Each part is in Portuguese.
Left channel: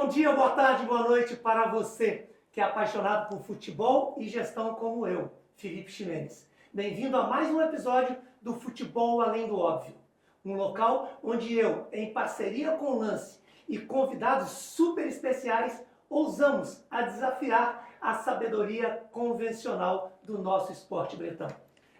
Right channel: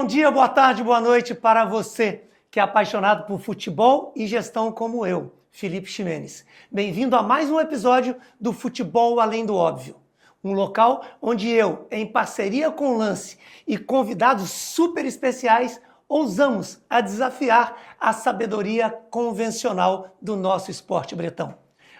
Bom dia, boa tarde, boa noite para você que é apaixonado por futebol e gestão como eu, Felipe Ximenes. Bem-vindo a mais um episódio do Futebol Além do Óbvio, um local onde eu, em parceria com o Lance e convidados super especiais, ousamos a desafiar a sabedoria convencional do nosso esporte bretão.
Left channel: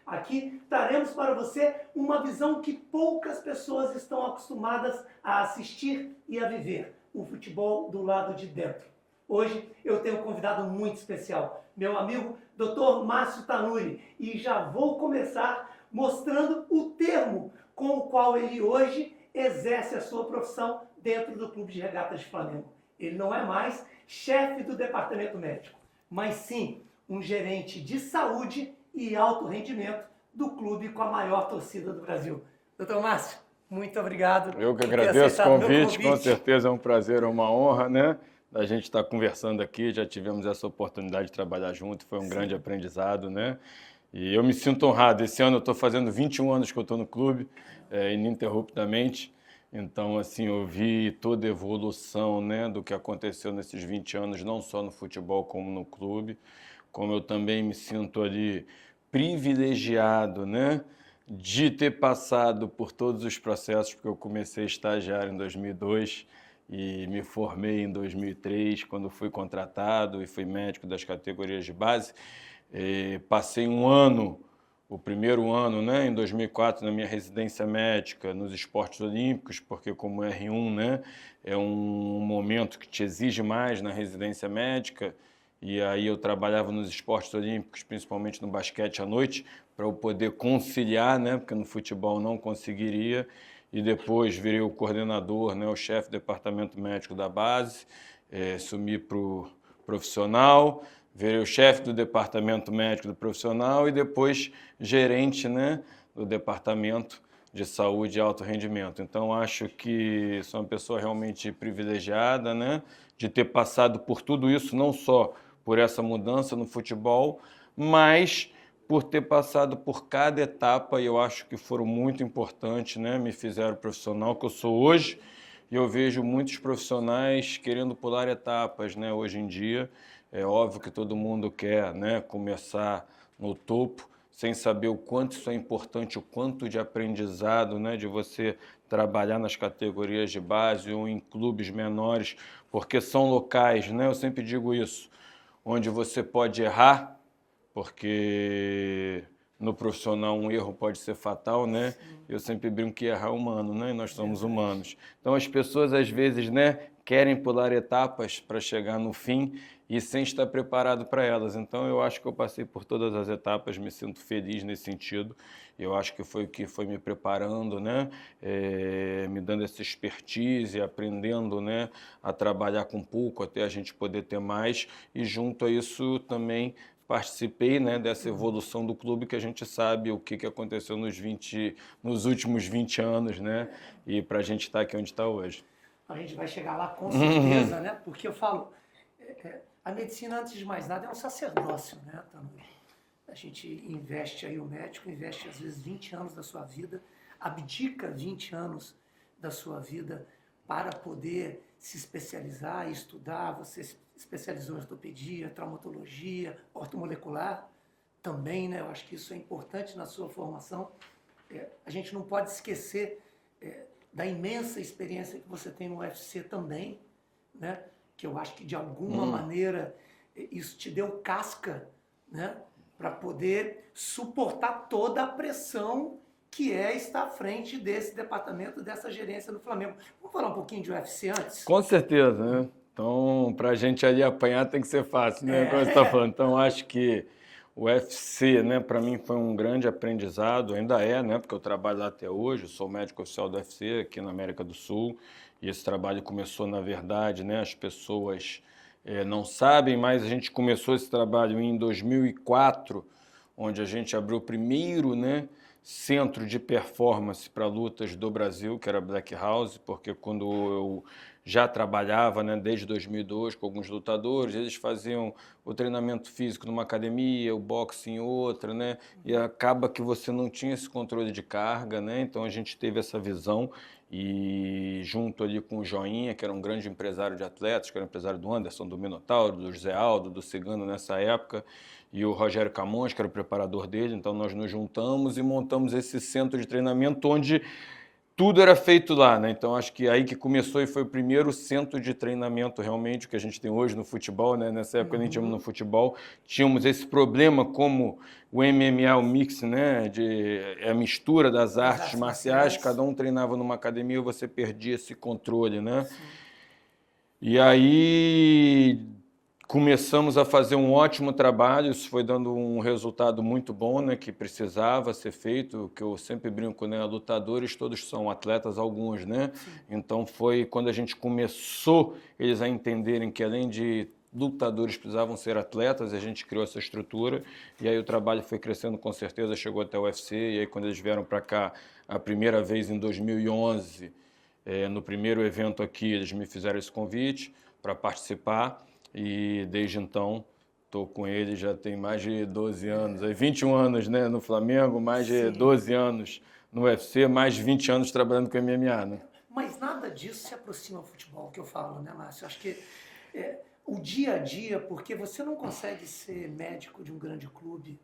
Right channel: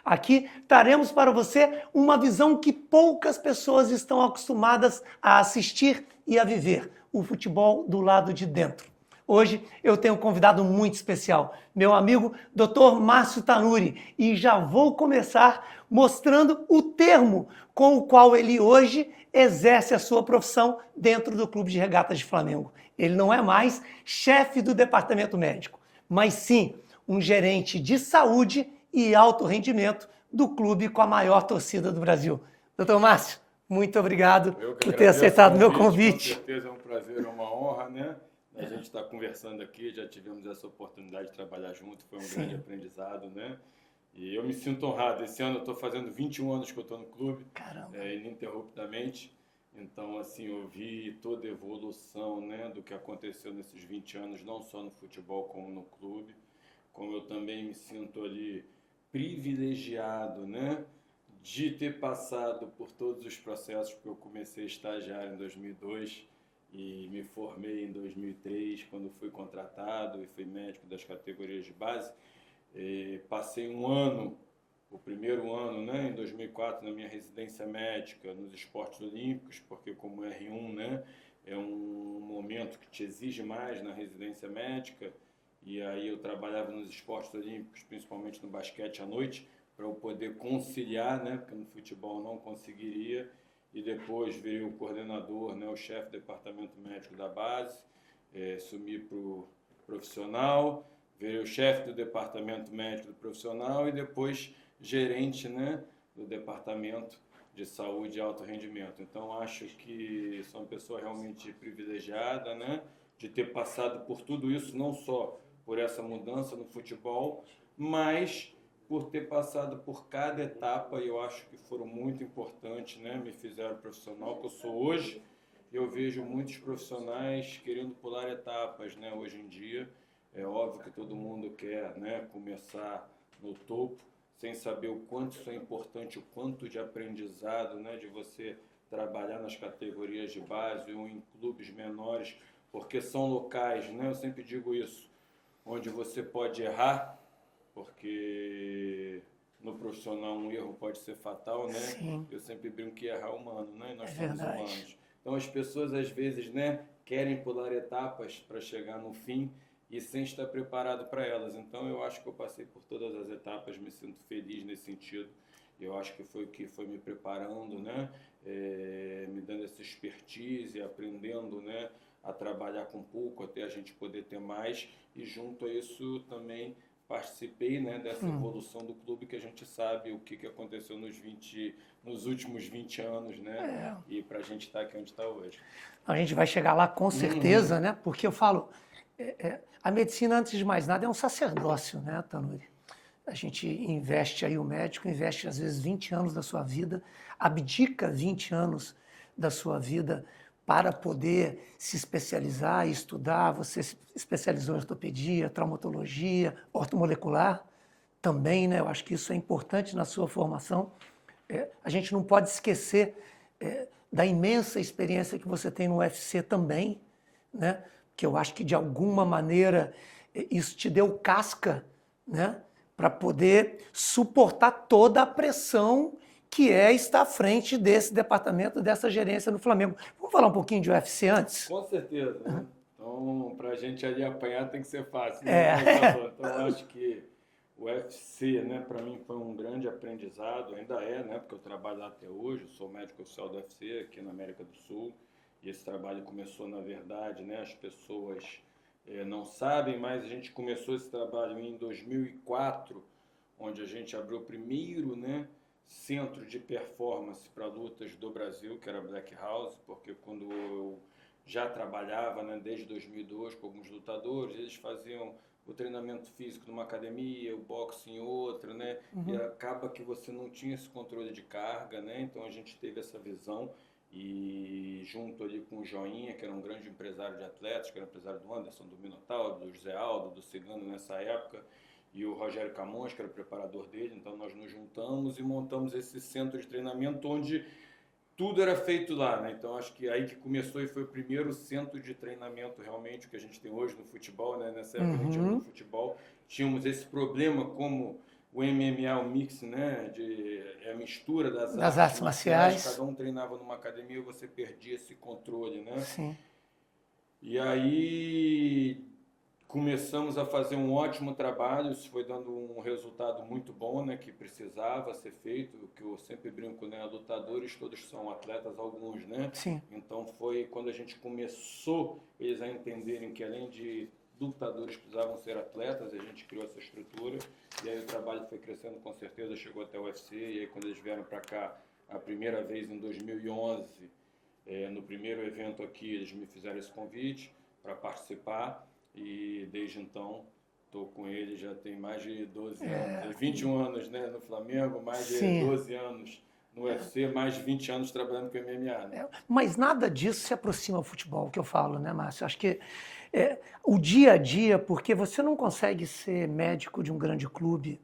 Aqui traremos para você uma visão que poucas pessoas estão acostumadas a assistir e a viver, o futebol do lado de dentro. Hoje eu tenho um convidado muito especial, meu amigo Dr. Márcio Tanuri, e já vou começar mostrando o termo com o qual ele hoje exerce a sua profissão dentro do Clube de Regatas de Flamengo. Ele não é mais chefe do departamento médico, mas sim um gerente de saúde e alto rendimento do clube com a maior torcida do Brasil. Doutor Márcio, muito obrigado por ter aceitado o meu convite. Com certeza é um prazer, é uma honra, né? A gente estar conversando aqui, já tivemos essa oportunidade de trabalhar junto, foi um grande aprendizado, né? E eu me sinto honrado. Esse ano eu estou fazendo 21 anos que eu estou no clube, ininterruptamente. Então, assim, eu vi toda a evolução, né, do que aconteceu nesses 20 anos, não só no futebol como no clube, como eu também me sinto ali privilegiado, né, de ter passado por todos os processos, porque eu comecei estagiário em 2002 e me formei em 2003, quando fui contratado e fui médico das categorias de base. Passei um ano, o primeiro ano, né, em 2004, na minha residência médica nos esportes olímpicos, porque como R1, né, é um momento que te exige mais na residência médica, e aí eu trabalhava nos esportes olímpicos, principalmente no basquete à noite, para eu poder conciliar, né, porque no futebol não conseguiria, e depois virei o coordenador, né, o chefe do departamento médico da base, sumi para o profissional, virei o chefe do departamento médico do profissional e depois gerente, né, do departamento de saúde e alto rendimento. Então, acho que sou uma pessoa realmente privilegiada, né, de ter passado por tudo isso, não só por essa mudança no futebol, mas por ter passado por cada etapa, e eu acho que foram muito importantes, né, me fizeram profissional que eu sou hoje, e eu vejo muitos profissionais querendo pular etapas, né, hoje em dia. É óbvio que todo mundo quer, né, começar no topo, sem saber o quanto isso é importante, o quanto de aprendizado, né, de você trabalhar nas categorias de base ou em clubes menores, porque são locais, né, eu sempre digo isso, onde você pode errar, porque no profissional um erro pode ser fatal, né? Sim. Eu sempre brinco que errar é humano, né? E nós somos Verdade. humanos. Então as pessoas às vezes, né, querem pular etapas para chegar no fim e sem estar preparado para elas. Então eu acho que eu passei por todas as etapas, me sinto feliz nesse sentido. Eu acho que foi o que foi me preparando, né? Me dando essa expertise, aprendendo, né, a trabalhar com pouco até a gente poder ter mais. E junto a isso também participei, né, dessa evolução do clube, que a gente sabe o que aconteceu nos últimos 20 anos, né? E para a gente estar aqui onde está hoje. A gente vai chegar lá com certeza, né? Porque eu falo, a medicina, antes de mais nada, é um sacerdócio, né, Tanuri? A gente investe aí, o médico investe às vezes 20 anos da sua vida, abdica 20 anos da sua vida para poder se especializar e estudar. Você se especializou em ortopedia, traumatologia, ortomolecular também, né? Eu acho que isso é importante na sua formação. A gente não pode esquecer da imensa experiência que você tem no UFC também, né? Que eu acho que de alguma maneira isso te deu casca, né? Para poder suportar toda a pressão que é estar à frente desse departamento, dessa gerência no Flamengo. Vamos falar um pouquinho de UFC antes? Com certeza, né? Então, para a gente ali apanhar tem que ser fácil, né? Como você tá falando. Então, acho que o UFC, né, para mim foi um grande aprendizado, ainda é, né? Porque eu trabalho lá até hoje, eu sou médico oficial do UFC aqui na América do Sul, e esse trabalho começou, na verdade, né? As pessoas não sabem, mas a gente começou esse trabalho em 2004, onde a gente abriu o primeiro, né, centro de performance para lutas do Brasil, que era Black House, porque quando eu já trabalhava, né, desde 2002 com alguns lutadores, eles faziam o treinamento físico numa academia, o boxe em outra, né? E acaba que você não tinha esse controle de carga, né? Então a gente teve essa visão e junto ali com o Joinha, que era um grande empresário de atletas, que era empresário do Anderson, do Minotauro, do José Aldo, do Cigano nessa época, e o Rogério Camões, que era o preparador dele, então nós nos juntamos e montamos esse centro de treinamento onde tudo era feito lá, né? Então acho que aí que começou e foi o primeiro centro de treinamento realmente que a gente tem hoje no futebol, né? Nessa época a gente tínhamos no futebol, tínhamos esse problema como o MMA, o mix, né? A mistura das artes marciais, cada um treinava numa academia e você perdia esse controle, né? Sim. E aí começamos a fazer um ótimo trabalho, isso foi dando um resultado muito bom, né, que precisava ser feito, que eu sempre brinco, né, lutadores todos são atletas, alguns, né? Sim. Então foi quando a gente começou eles a entenderem que além de lutadores precisavam ser atletas, a gente criou essa estrutura e aí o trabalho foi crescendo com certeza, chegou até o UFC e aí quando eles vieram para cá a primeira vez em 2011, no primeiro evento aqui eles me fizeram esse convite para participar. E desde então estou com ele, já tem mais de 12 anos, 21 anos, né, no Flamengo, mais de 12 anos no UFC, mais de 20 anos trabalhando com MMA, né? Mas nada disso se aproxima ao futebol, que eu falo, né, Márcio? Acho que o dia a dia, porque você não consegue ser médico de um grande clube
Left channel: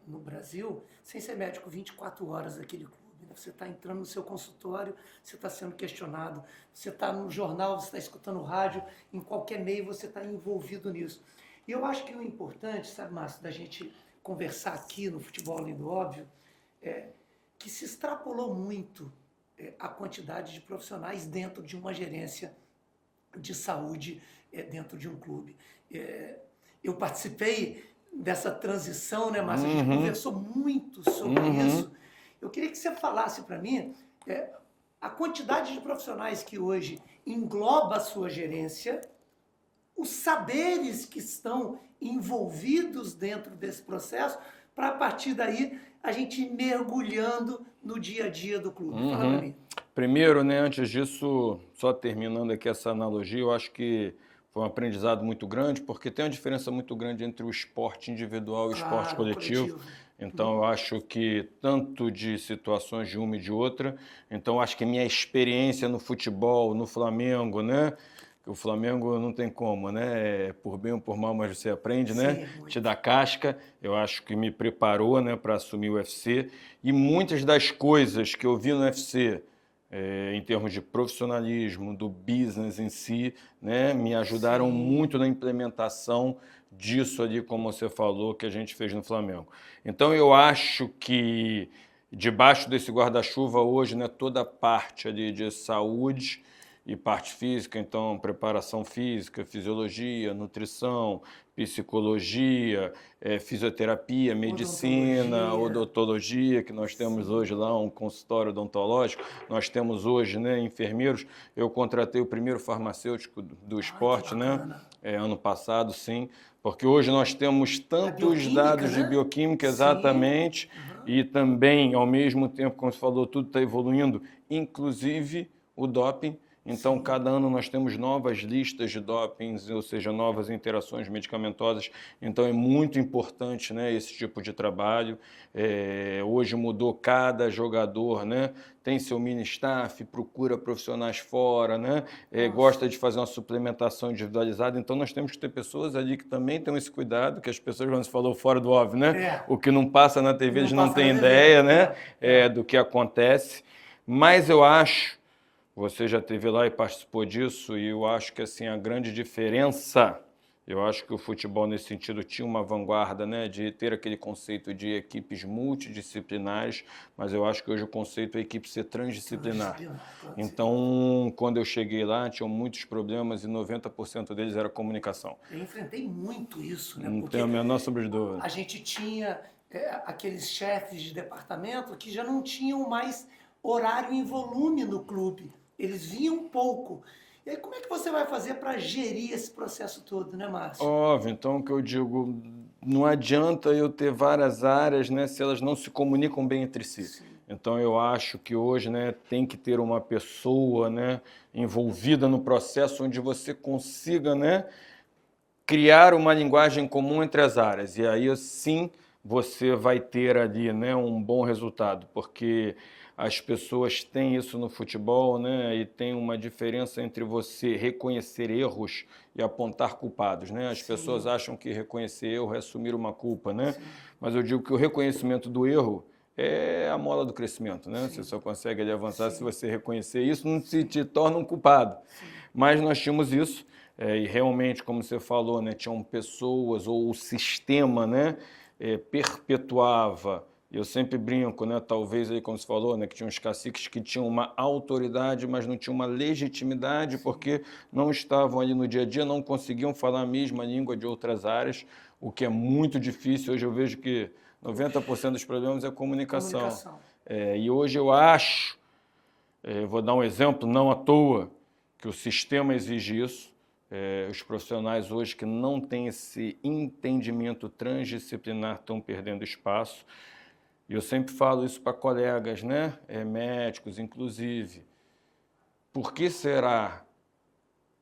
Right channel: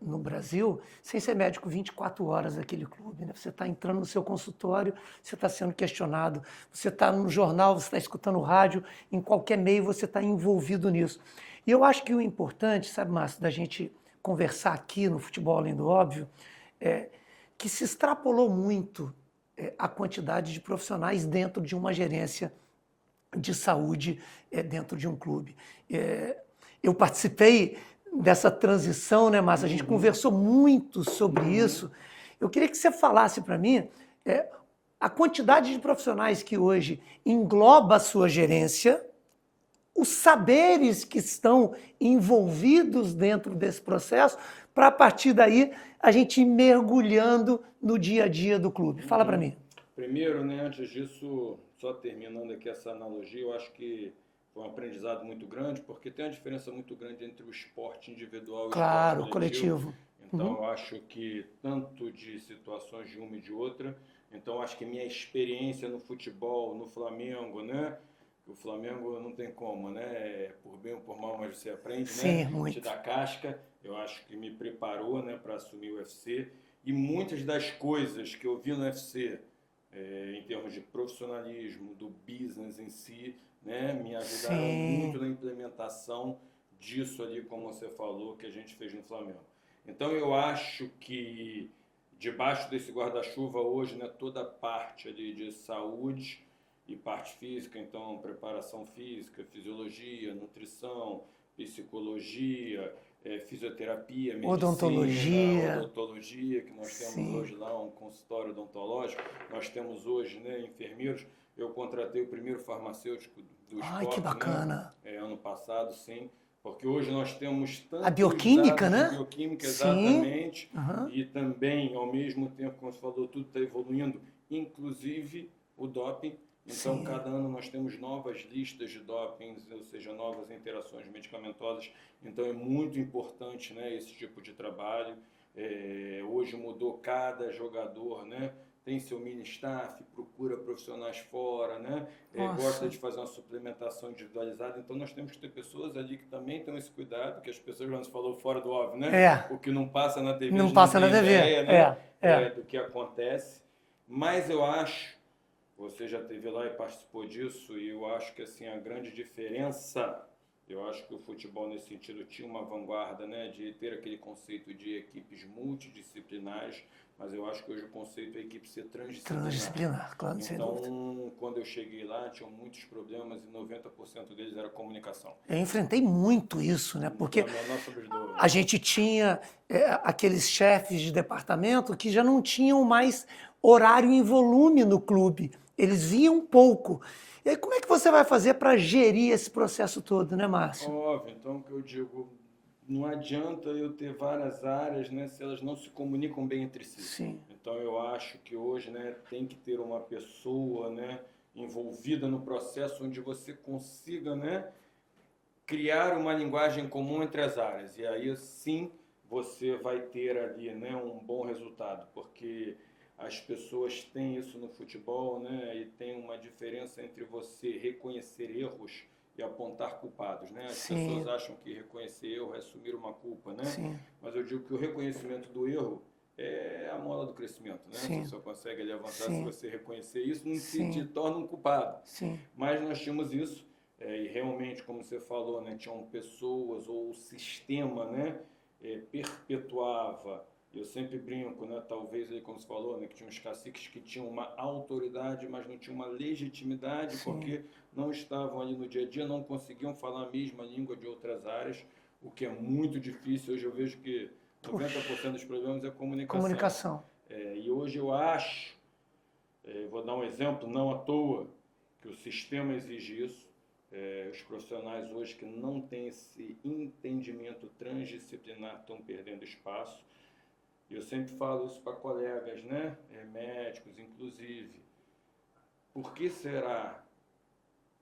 no Brasil sem ser médico 24 horas daquele clube, né? Você está entrando no seu consultório, você está sendo questionado, você está no jornal, você está escutando rádio, em qualquer meio você está envolvido nisso. E eu acho que o importante, sabe, Márcio, da gente conversar aqui no Futebol Além do Óbvio, é que se extrapolou muito a quantidade de profissionais dentro de uma gerência de saúde dentro de um clube. Eu participei dessa transição, né, Márcio? A gente conversou muito sobre isso. Eu queria que você falasse para mim a quantidade de profissionais que hoje engloba a sua gerência, os saberes que estão envolvidos dentro desse processo, para a partir daí a gente ir mergulhando no dia a dia do clube. Fala para mim. Primeiro, né, antes disso, só terminando aqui essa analogia, eu acho que foi um aprendizado muito grande, porque tem uma diferença muito grande entre o esporte individual e o esporte coletivo. Então, eu acho que tanto de situações de uma e de outra, então eu acho que minha experiência no futebol, no Flamengo, né? O Flamengo não tem como, né? Por bem ou por mal, mas você aprende, né? Sim, muito. Te dá casca. Eu acho que me preparou, né, para assumir o UFC. E muitas das coisas que eu vi no UFC, em termos de profissionalismo, do business em si, né, me ajudaram muito na implementação disso ali, como você falou, que a gente fez no Flamengo. Então, eu acho que debaixo desse guarda-chuva hoje, né, toda a parte ali de saúde e parte física, então preparação física, fisiologia, nutrição, psicologia, fisioterapia, medicina, odontologia, que nós temos hoje lá um consultório odontológico, nós temos hoje, né, enfermeiros. Eu contratei o primeiro farmacêutico do esporte, né, ano passado, sim, porque hoje nós temos tantos dados de bioquímica, exatamente, e também, ao mesmo tempo, como você falou, tudo está evoluindo, inclusive o doping. Então, cada ano nós temos novas listas de dopings, ou seja, novas interações medicamentosas. Então, é muito importante, né, esse tipo de trabalho. Hoje mudou, cada jogador, né, tem seu mini staff, procura profissionais fora, né, gosta de fazer uma suplementação individualizada. Então, nós temos que ter pessoas ali que também têm esse cuidado, que as pessoas, quando você falou fora do óbvio, né, o que não passa na TV, eles não têm ideia, né, do que acontece. Mas eu acho, você já esteve lá e participou disso, e eu acho que assim, a grande diferença, eu acho que o futebol nesse sentido tinha uma vanguarda, né, de ter aquele conceito de equipes multidisciplinares, mas eu acho que hoje o conceito é equipe ser transdisciplinar. Claro, então, quando eu cheguei lá, tinham muitos problemas e 90% deles era comunicação. Eu enfrentei muito isso, né? Porque não tenho a menor sombra de dúvida. A gente tinha aqueles chefes de departamento que já não tinham mais horário em volume no clube. Eles vinham pouco. E aí, como é que você vai fazer para gerir esse processo todo, né, Márcio? Óbvio, então o que eu digo, não adianta eu ter várias áreas, né, se elas não se comunicam bem entre si. Sim. Então eu acho que hoje, né, tem que ter uma pessoa, né, envolvida no processo onde você consiga, né, criar uma linguagem comum entre as áreas. E aí sim você vai ter ali, né, um bom resultado, porque as pessoas têm isso no futebol, né, e tem uma diferença entre você reconhecer erros e apontar culpados, né? As Sim. pessoas acham que reconhecer erro é assumir uma culpa, né? Sim. Mas eu digo que o reconhecimento do erro é a mola do crescimento, né? Sim. Você só consegue ali avançar se Sim. você reconhecer isso, não Sim. te torna um culpado. Sim. Mas nós tínhamos isso, e realmente, como você falou, né, tinham pessoas ou o sistema, né, perpetuava. Eu sempre brinco, né, talvez aí como você falou, né, que tinha uns caciques que tinham uma autoridade, mas não tinham uma legitimidade, Sim. porque não estavam ali no dia a dia, não conseguiam falar a mesma língua de outras áreas, o que é muito difícil. Hoje eu vejo que 90% dos problemas é comunicação. Comunicação. E hoje eu acho, vou dar um exemplo, não à toa, que o sistema exige isso. Os profissionais hoje que não têm esse entendimento transdisciplinar estão perdendo espaço. E eu sempre falo isso para colegas, né? Médicos, inclusive. Por que será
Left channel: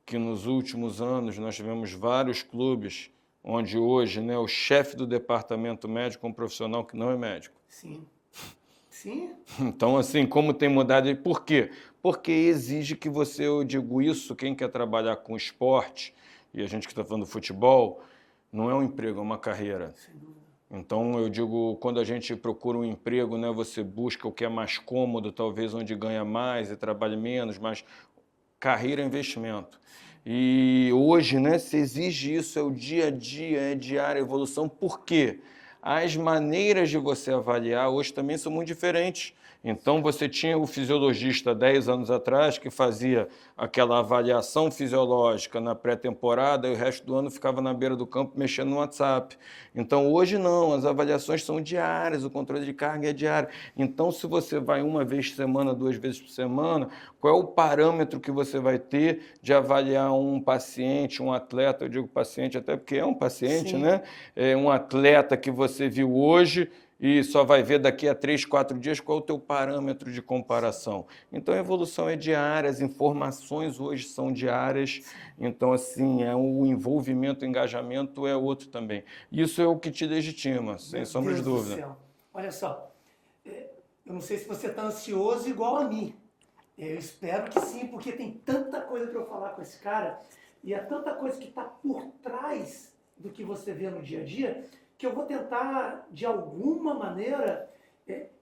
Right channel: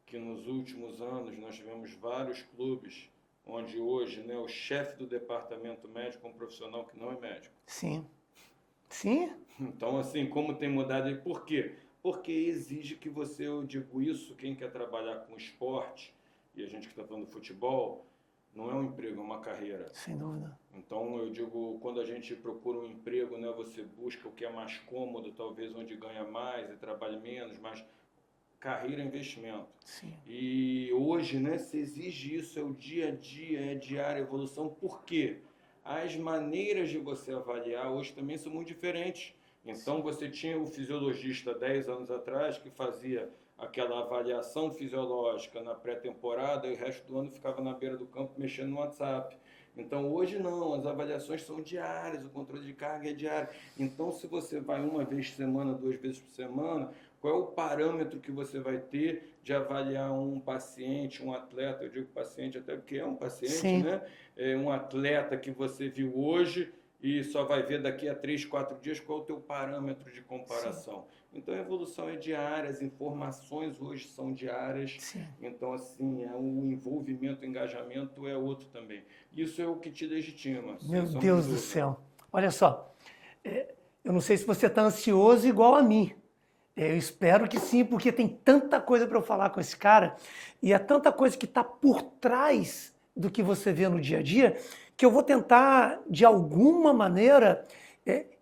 que nos últimos anos nós tivemos vários clubes onde hoje, né, o chefe do departamento médico é um profissional que não é médico? Sim. Sim. Então, assim, como tem mudado? E por quê? Porque exige que você, eu digo isso, quem quer trabalhar com esporte, e a gente que está falando do futebol, não é um emprego, é uma carreira. Sem dúvida. Então, eu digo, quando a gente procura um emprego, né, você busca o que é mais cômodo, talvez onde ganha mais e trabalhe menos, mas carreira é investimento. Sim. E hoje, né, se exige isso, é o dia a dia, é diária evolução. Por quê? As maneiras de você avaliar hoje também são muito diferentes. Então, você tinha o fisiologista 10 anos atrás que fazia aquela avaliação fisiológica na pré-temporada e o resto do ano ficava na beira do campo mexendo no WhatsApp. Então, hoje não, as avaliações são diárias, o controle de carga é diário. Então, se você vai uma vez por semana, 2 vezes por semana, qual é o parâmetro que você vai ter de avaliar um paciente, um atleta? Eu digo paciente até porque é um paciente, Sim. né? É um atleta que você viu hoje e só vai ver daqui a 3, 4 dias qual é o teu parâmetro de comparação. Então, a evolução é diária, as informações hoje são diárias. Sim. Então, assim, o envolvimento, o engajamento é outro também. Isso é o que te legitima, sem Meu sombra de Deus do dúvida. céu. Olha só, eu não sei se você está ansioso igual a mim. Eu espero que sim, porque tem tanta coisa para eu falar com esse cara e é tanta coisa que está por trás do que você vê no dia a dia que eu vou tentar, de alguma maneira,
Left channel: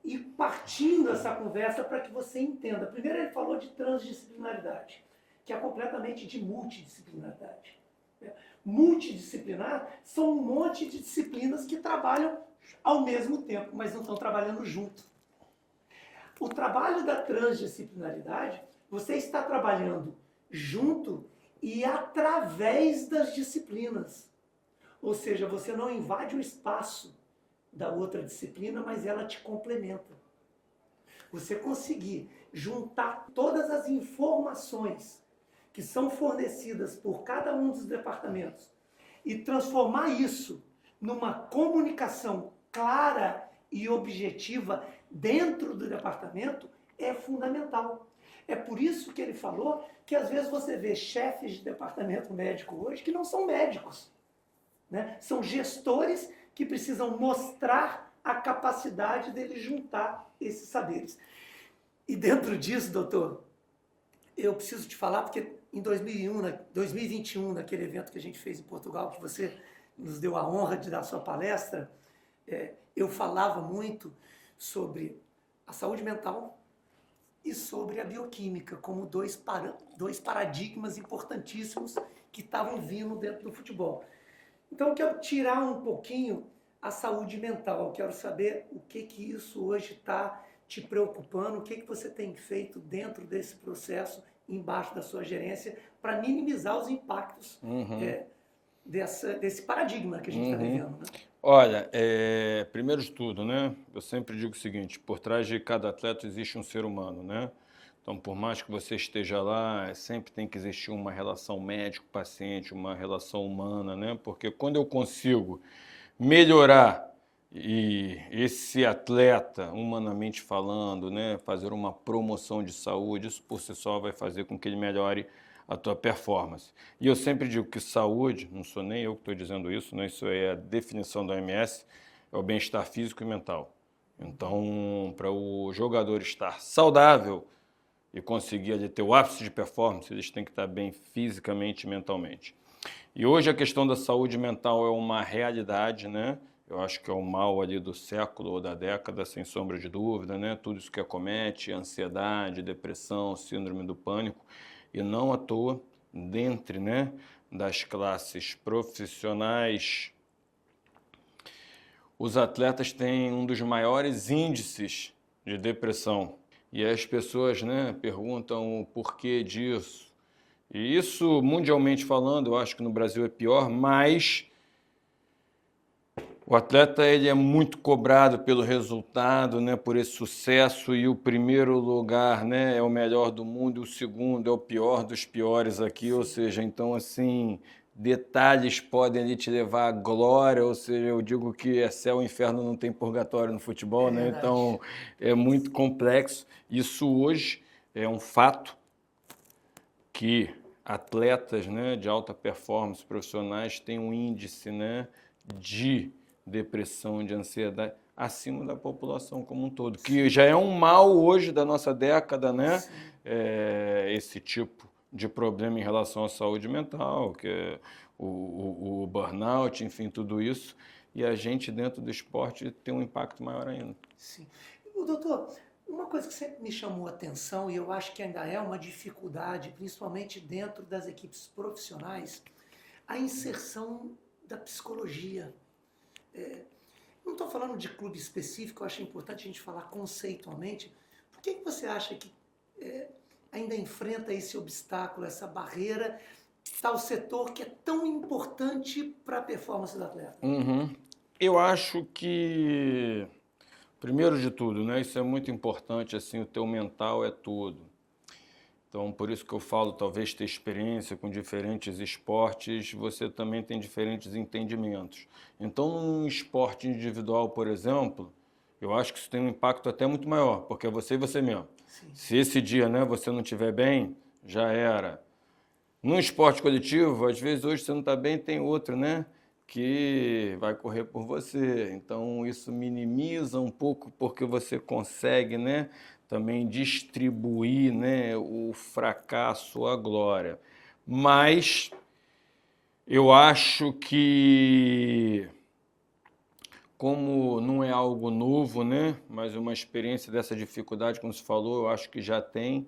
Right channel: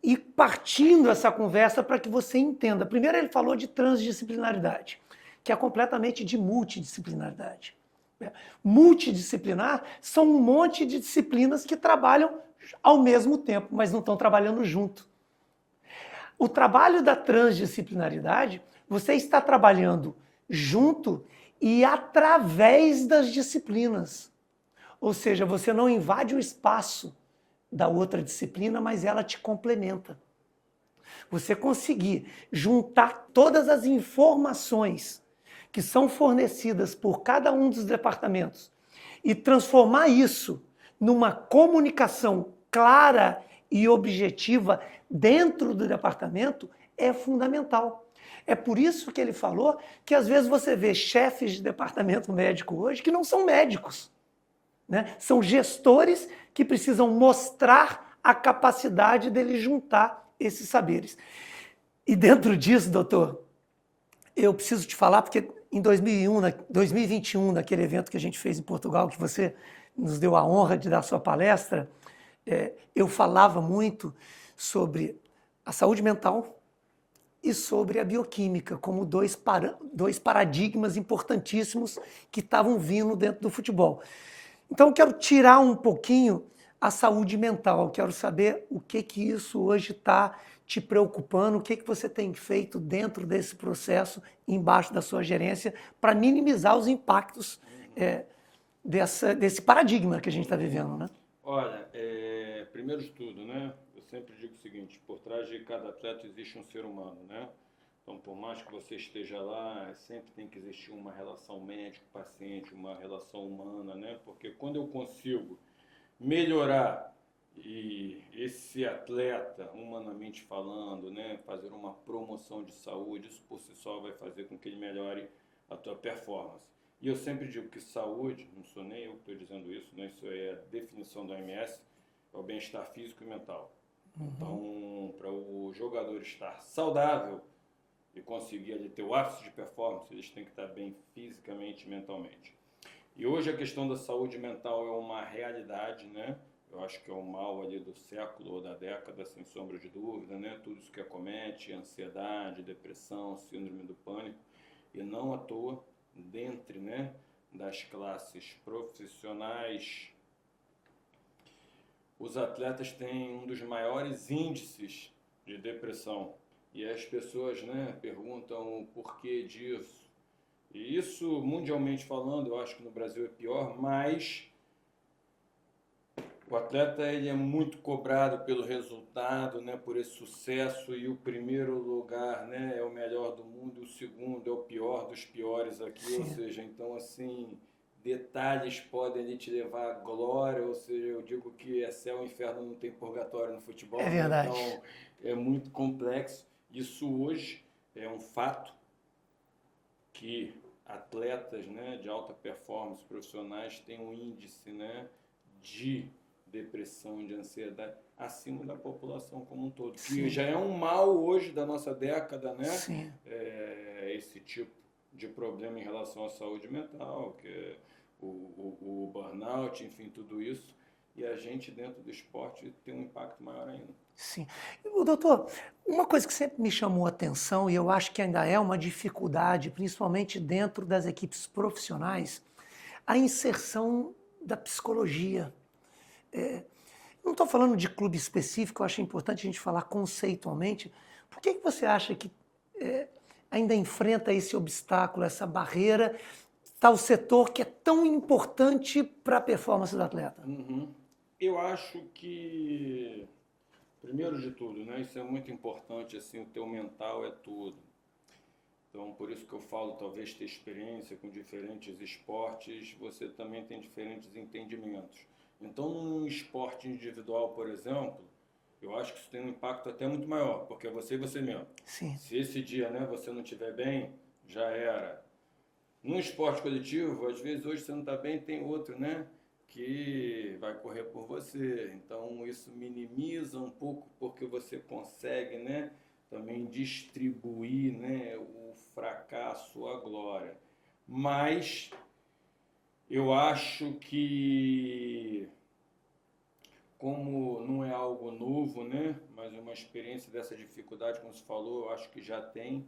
ir partindo essa conversa para que você entenda. Primeiro ele falou de transdisciplinaridade, que é completamente de multidisciplinaridade. Multidisciplinar são um monte de disciplinas que trabalham ao mesmo tempo, mas não estão trabalhando junto. O trabalho da transdisciplinaridade, você está trabalhando junto e através das disciplinas. Ou seja, você não invade o espaço da outra disciplina, mas ela te complementa. Você conseguir juntar todas as informações que são fornecidas por cada um dos departamentos e transformar isso numa comunicação clara e objetiva dentro do departamento é fundamental. É por isso que ele falou que às vezes você vê chefes de departamento médico hoje que não são médicos, né? São gestores que precisam mostrar a capacidade dele juntar esses saberes. E dentro disso, doutor, eu preciso te falar, porque em 2021, naquele evento que a gente fez em Portugal, que você nos deu a honra de dar sua palestra, eu falava muito sobre a saúde mental e sobre a bioquímica, como dois paradigmas importantíssimos que estavam vindo dentro do futebol. Então, eu quero tirar um pouquinho a saúde mental, quero saber o que isso hoje está te preocupando, o que você tem feito dentro desse processo, embaixo da sua gerência, para minimizar os impactos desse paradigma que a gente está vivendo, né? Olha, primeiro de tudo, né? Eu sempre digo o seguinte: por trás de cada atleta existe um ser humano, né? Então, por mais que você esteja lá, sempre tem que existir uma relação médico-paciente, uma relação humana, né? Porque quando eu consigo melhorar e esse atleta, humanamente falando, né, fazer uma promoção de saúde, isso por si só vai fazer com que ele melhore a tua performance. E eu sempre digo que saúde, não sou nem eu que estou dizendo isso, né, isso é a definição da OMS, é o bem-estar físico e mental. Então, para o jogador estar saudável e conseguir ali ter o ápice de performance, eles têm que estar bem fisicamente e mentalmente. E hoje a questão da saúde mental é uma realidade, né? Eu acho que é o mal ali do século ou da década, sem sombra de dúvida, né? Tudo isso que acomete, ansiedade, depressão, síndrome do pânico, e não à toa, dentre, né, das classes profissionais, os atletas têm um dos maiores índices de depressão. E as pessoas, né, perguntam o porquê disso. E isso, mundialmente falando, eu acho que no Brasil é pior, mas o atleta ele é muito cobrado pelo resultado, né, por esse sucesso, e o primeiro lugar, né, é o melhor do mundo, e o segundo é o pior dos piores aqui, ou seja, então assim, detalhes podem ali te levar à glória, ou seja, eu digo que é céu e inferno, não tem purgatório no futebol, né? verdade. Então é muito complexo. Isso hoje é um fato que atletas, né, de alta performance profissionais têm um índice, né, de depressão, de ansiedade acima da população como um todo, que já é um mal hoje da nossa década, né? Esse tipo de problema em relação à saúde mental, que é o burnout, enfim, tudo isso, e a gente dentro do esporte tem um impacto maior ainda. Sim. Doutor, uma coisa que sempre me chamou a atenção, e eu acho que ainda é uma dificuldade, principalmente dentro das equipes profissionais, a inserção da psicologia. Não estou falando de clube específico, eu acho importante a gente falar conceitualmente. Por que você acha que ainda enfrenta esse obstáculo, essa barreira, tal setor que é tão importante para a performance do atleta? Eu acho que, primeiro de tudo, né, isso é muito importante, assim, o teu mental é tudo. Então, por isso que eu falo, talvez ter experiência com diferentes esportes, você também tem diferentes entendimentos. Então, num esporte individual, por exemplo, eu acho que isso tem um impacto até muito maior, porque é você e você mesmo. Sim. Se esse dia, né, você não estiver bem, já era. Num esporte coletivo, às vezes hoje você não está bem, tem outro, né, que vai correr por você. Então, isso minimiza um pouco, porque você consegue, né, também distribuir, né, o fracasso, a glória. Mas eu acho que, como não é algo novo, né, mas uma experiência dessa dificuldade, como você falou, eu acho que já tem,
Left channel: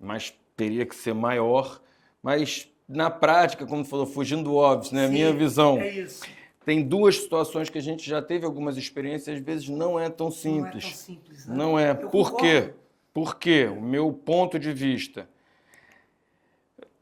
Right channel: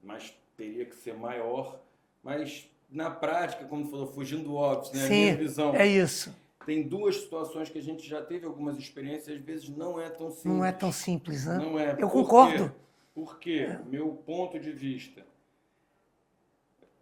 mas teria que ser maior. Mas na prática, como você falou, fugindo do óbvio, né, Sim, minha visão, é isso. tem duas situações que a gente já teve algumas experiências, às vezes não é tão simples. Não é tão simples, né? Não é. Eu Por concordo. quê? Porque, o meu ponto de vista,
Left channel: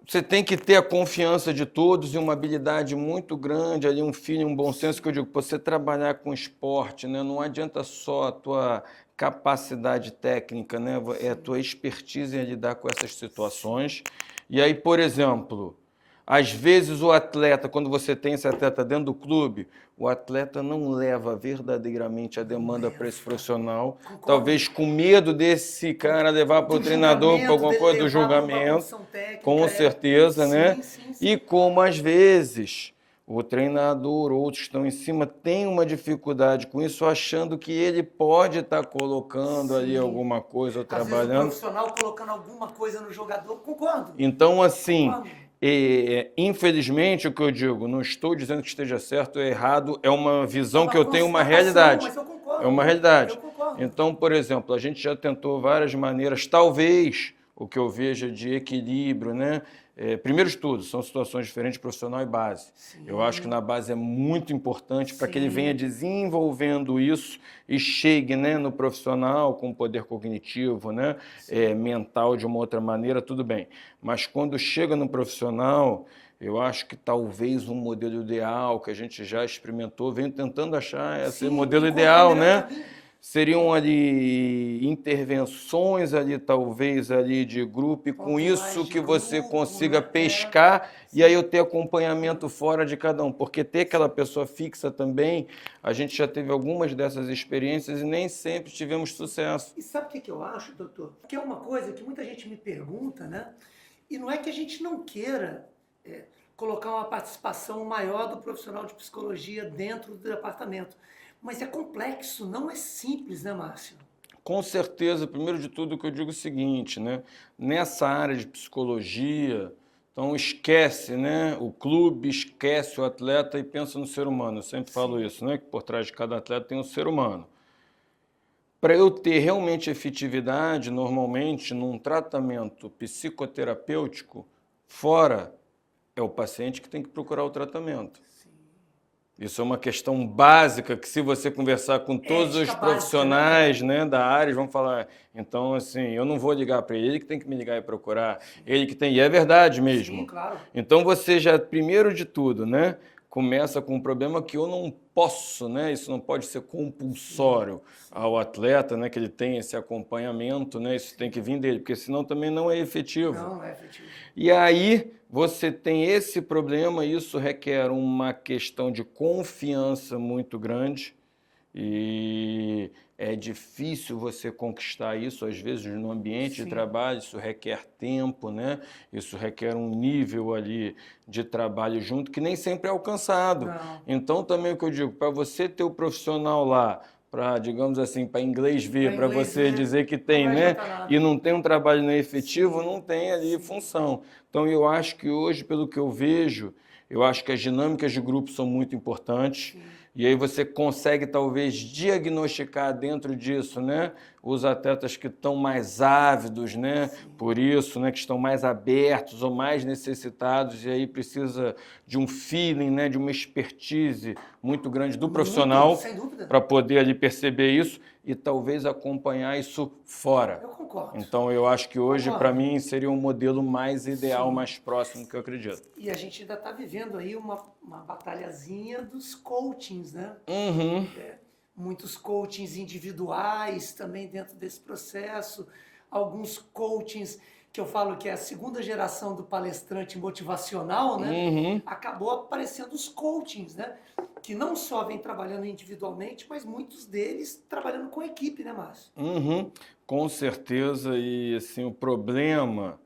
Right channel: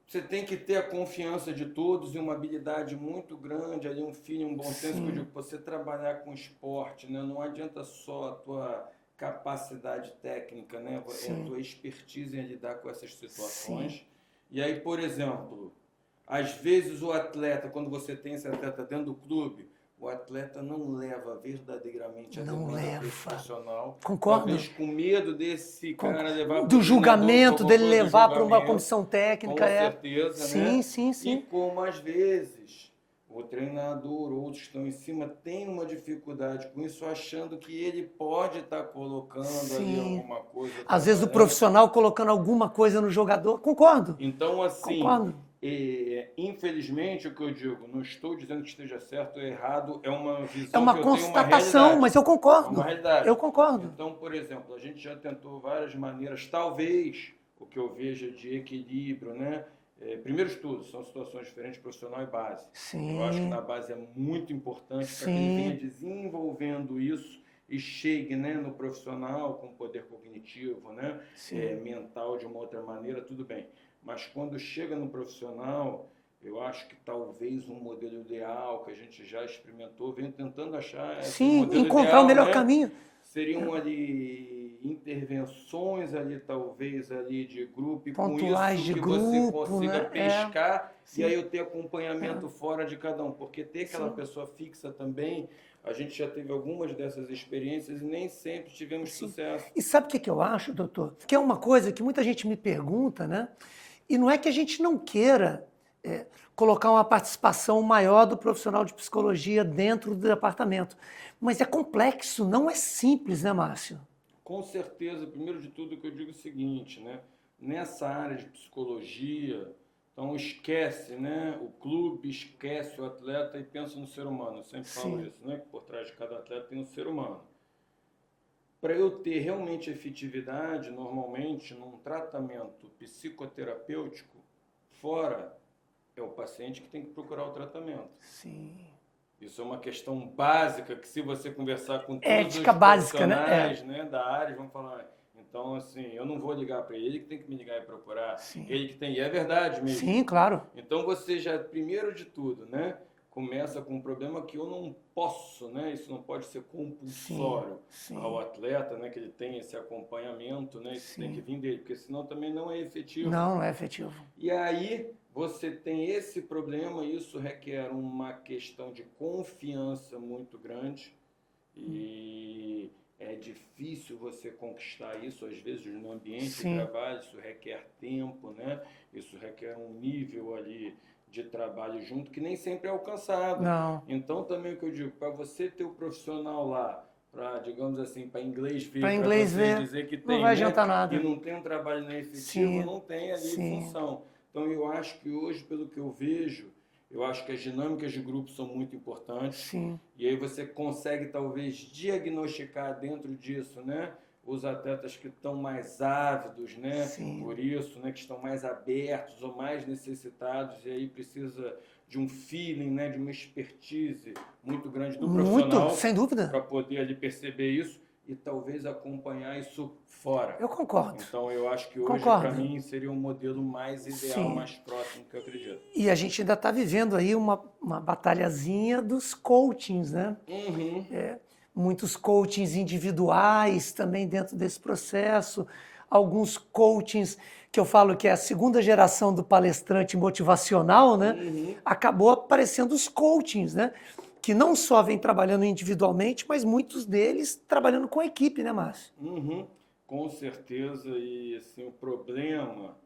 você tem que ter a confiança de todos e uma habilidade muito grande, ali um feeling, um bom senso, que eu digo, você trabalhar com esporte, né? Não adianta só a tua capacidade técnica, né? É a tua expertise em lidar com essas situações. E aí, por exemplo, às vezes o atleta, quando você tem esse atleta dentro do clube, o atleta não leva verdadeiramente a demanda para esse profissional. Concordo. Talvez com medo desse cara levar para o Do treinador, para julgamento, alguma dele coisa do levar para uma julgamento. comissão técnica. Com certeza, né? Sim. E como às vezes o treinador, outros que estão em cima, tem uma dificuldade com isso, achando que ele pode estar colocando ali alguma coisa, Às vezes o profissional colocando alguma coisa no jogador. Concordo. Então, assim, Concordo. infelizmente, o que eu digo, não estou dizendo que esteja certo ou errado, é uma visão uma que eu tenho, uma constatação, realidade. mas eu concordo. É uma realidade. Eu concordo. Então, por exemplo, a gente já tentou várias maneiras, talvez o que eu veja de equilíbrio, né? Primeiro de tudo, são situações diferentes, profissional e base. Sim. Eu acho que na base é muito importante para que ele venha desenvolvendo isso e chegue, né, no profissional com poder cognitivo, né, mental de uma outra maneira, tudo bem. Mas quando chega no profissional, eu acho que talvez um modelo ideal que a gente já experimentou, venho tentando achar esse modelo ideal, o melhor né? caminho. Seriam ali intervenções ali, talvez, ali de grupo, e com Pontuais isso de que você grupo, consiga né? pescar e aí eu ter acompanhamento fora de cada um. Porque ter aquela Sim. pessoa fixa também, a gente já teve algumas dessas experiências e nem sempre tivemos sucesso. E sabe o que eu acho, doutor? Que é uma coisa que muita gente me pergunta, né? E não é que a gente não queira colocar uma participação maior do profissional de psicologia dentro do departamento. Mas é complexo, não é simples, né, Márcio? Com certeza, primeiro de tudo, o que eu digo é o seguinte, né? Nessa área de psicologia, então esquece, né? O clube esquece o atleta e pensa no ser humano. Eu sempre falo isso, né? Que por trás de cada atleta tem um ser humano. Para eu ter realmente efetividade, normalmente, num tratamento psicoterapêutico, fora é o paciente que tem que procurar o tratamento. Sim. Isso é uma questão básica que, se você conversar com todos Ética os básica, né? profissionais, né, da área, vão falar. Então, assim, eu não vou ligar para ele, que tem que me ligar e procurar. Ele que tem. E é verdade mesmo. Sim, claro. Então, você já, primeiro de tudo, né, começa com um problema que eu não posso, né? Isso não pode ser compulsório ao atleta, né, que ele tenha esse acompanhamento, né? Isso tem que vir dele, porque senão também não é efetivo. Não é efetivo. E aí você tem esse problema, isso requer uma questão de confiança muito grande e é difícil você conquistar isso, às vezes, no ambiente de trabalho, isso requer tempo, né? Isso requer um nível ali de trabalho junto que nem sempre é alcançado. Não. Então, também o que eu digo, para você ter o profissional lá, para, digamos assim, para inglês ver, para inglês você ver, dizer que não tem, vai né? adiantar nada. E não tem um trabalho não efetivo, Sim, não tem ali sim. função. Então, eu acho que hoje, pelo que eu vejo, eu acho que as dinâmicas de grupo são muito importantes. Sim. E aí você consegue, talvez, diagnosticar dentro disso, né? Os atletas que estão mais ávidos, né? Por isso, né? Que estão mais abertos ou mais necessitados. E aí precisa de um feeling, né? De uma expertise muito grande do profissional. Muito, sem dúvida. Para poder ali perceber isso e talvez acompanhar isso fora. Eu concordo. Então, eu acho que hoje, para mim, seria um modelo mais ideal, mais próximo, que eu acredito. E a gente ainda está vivendo aí uma batalhazinha dos coachings, né? Muitos coachings individuais também dentro desse processo, alguns coachings que eu falo que é a segunda geração do palestrante motivacional, né? Acabou aparecendo os coachings, né? Que não só vêm trabalhando individualmente, mas muitos deles trabalhando com equipe, né, Márcio? Com certeza, e assim, o problema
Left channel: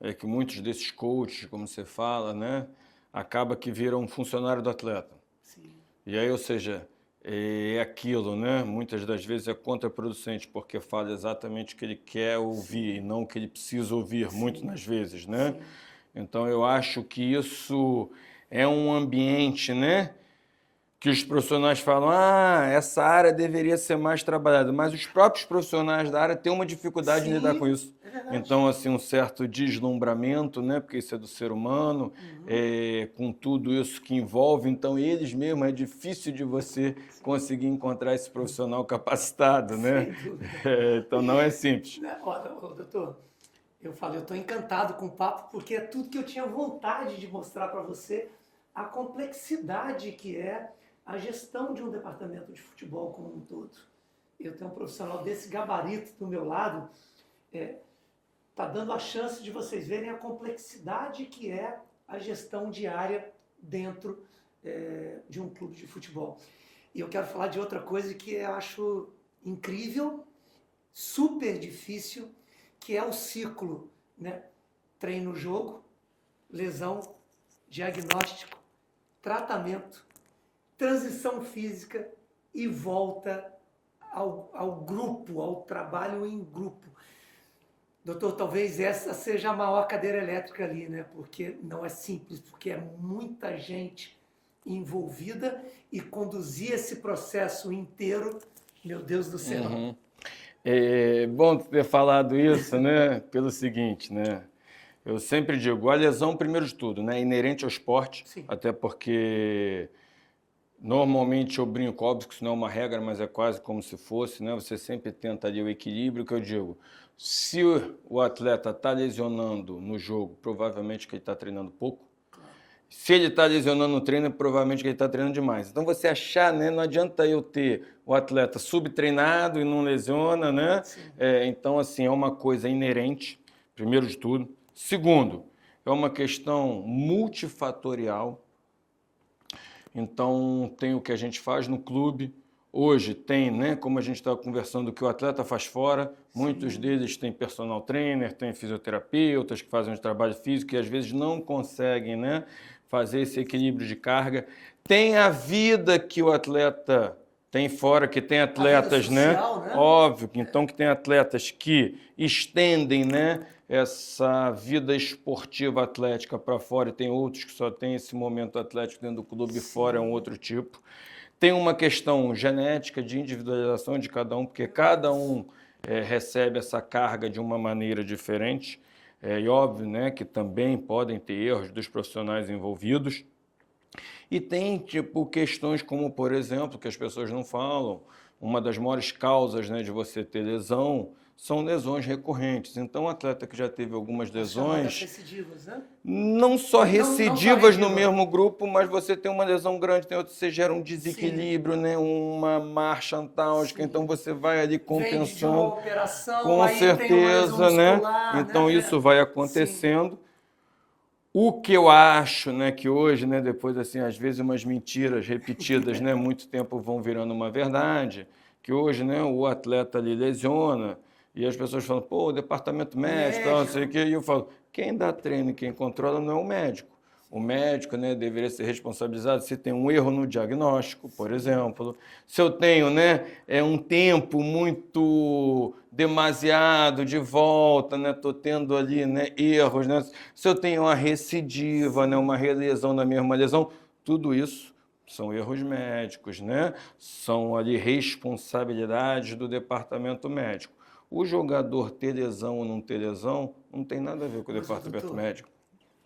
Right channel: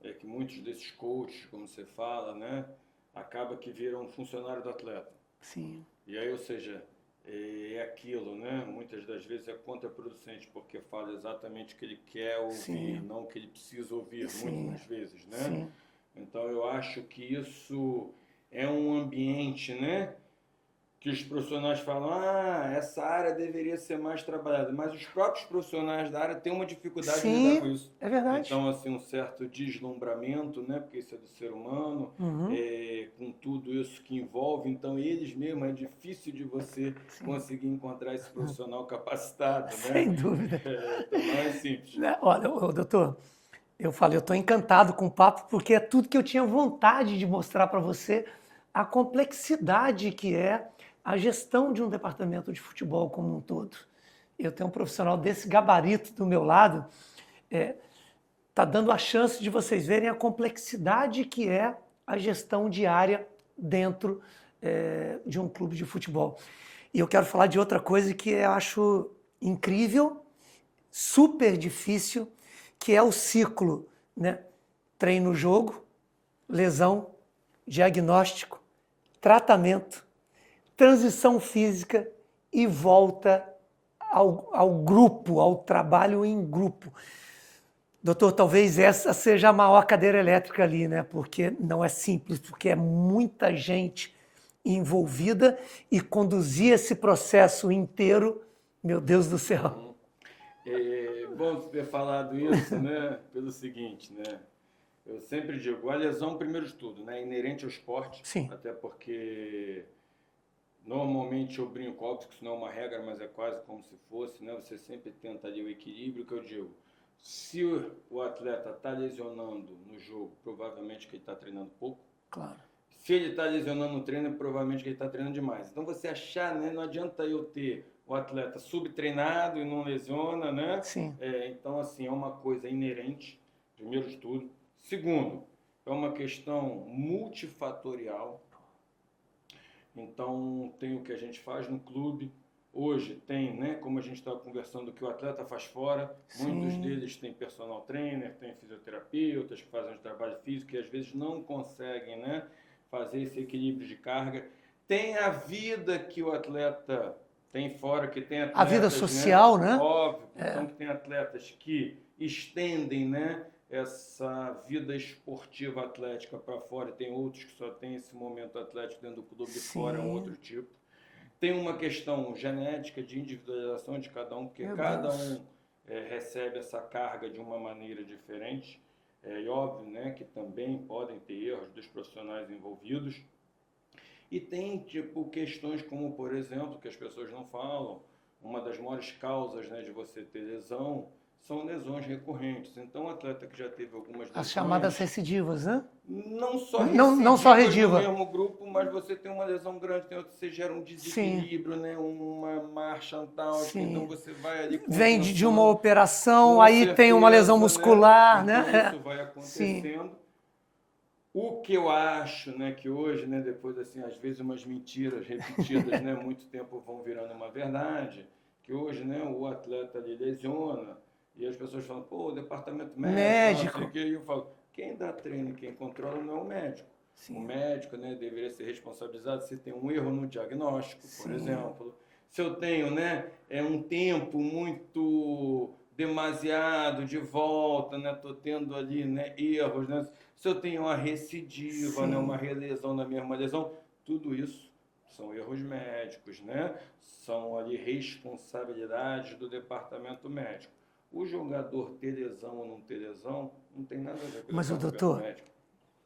é que muitos desses coaches, como você fala, né, acaba que viram um funcionário do atleta. Sim. E aí, ou seja, é aquilo, né? Muitas das vezes é contraproducente, porque fala exatamente o que ele quer ouvir e não o que ele precisa ouvir, muitas das vezes, né? Então, eu acho que isso é um ambiente, né? Que os profissionais falam, essa área deveria ser mais trabalhada, mas os próprios profissionais da área têm uma dificuldade de lidar com isso. É verdade. Então, assim, um certo deslumbramento, né? Porque isso é do ser humano, com tudo isso que envolve, então eles mesmos, é difícil de você conseguir encontrar esse profissional capacitado, né? Sem dúvida. Então, não é simples. Olha, doutor, eu estou encantado com o papo, porque é tudo que eu tinha vontade de mostrar para você, a complexidade que é a gestão de um departamento de futebol como um todo. Eu tenho um profissional desse gabarito do meu lado, está dando a chance de vocês verem a complexidade que é a gestão diária dentro de um clube de futebol. E eu quero falar de outra coisa que eu acho incrível, super difícil, que é o ciclo, né? Treino-jogo, lesão, diagnóstico, tratamento, transição física e volta ao grupo, ao trabalho em grupo. Doutor, talvez essa seja a maior cadeira elétrica ali, né? Porque não é simples, porque é muita gente envolvida e conduzir esse processo inteiro, meu Deus do céu. É bom ter falado isso, né? Pelo seguinte, né? Eu sempre digo, a lesão, primeiro de tudo, né? Inerente ao esporte, até porque normalmente eu brinco, óbvio que isso não é uma regra, mas é quase como se fosse, né? Você sempre tenta ali o equilíbrio, que eu digo, se o atleta está lesionando no jogo, provavelmente que ele está treinando pouco. Claro. Se ele está lesionando no treino, é provavelmente que ele está treinando demais. Então, você achar, né? Não adianta eu ter o atleta subtreinado e não lesiona, né? Sim. Então, assim, é uma coisa inerente, primeiro de tudo. Segundo, é uma questão multifatorial. Então, tem o que a gente faz no clube. Hoje tem, né, como a gente estava conversando, o que o atleta faz fora. Sim. Muitos deles têm personal trainer, têm fisioterapeutas que fazem um trabalho físico e às vezes não conseguem, né, fazer esse equilíbrio de carga. Tem a vida que o atleta tem fora, que tem atletas, a vida social, né? Óbvio, então que tem atletas que estendem, né, essa vida esportiva atlética para fora e tem outros que só têm esse momento atlético dentro do clube e fora é um outro tipo. Tem uma questão genética de individualização de cada um, porque cada um recebe essa carga de uma maneira diferente. E óbvio, né, que também podem ter erros dos profissionais envolvidos. E tem tipo questões como, por exemplo, que as pessoas não falam, uma das maiores causas, né, de você ter lesão são lesões recorrentes. Então, o atleta que já teve algumas lesões... As chamadas recidivas, né? Não só recidivas no mesmo grupo, mas você tem uma lesão grande, tem outra, você gera um desequilíbrio, né? Uma marcha antálgica, então você vai ali compensando. Vem de uma operação, aí certeza, tem uma lesão muscular, né? Então isso vai acontecendo. Sim. O que eu acho, né, que hoje, né, depois assim, às vezes umas mentiras repetidas, né, muito tempo vão virando uma verdade, que hoje, né, o atleta ali lesiona e as pessoas falam, pô, o departamento médico, não sei o quê, e eu falo, quem dá treino e quem controla não é o médico. Sim. O médico, né, deveria ser responsabilizado se tem um erro no diagnóstico, por exemplo. Se eu tenho, né, um tempo muito demasiado de volta, né, tô tendo ali, né, erros, né? Se eu tenho uma recidiva, né, uma relesão da mesma lesão, tudo isso são erros médicos, né? São ali responsabilidades do departamento médico. O jogador ter lesão ou não ter lesão não tem nada a ver com o departamento médico.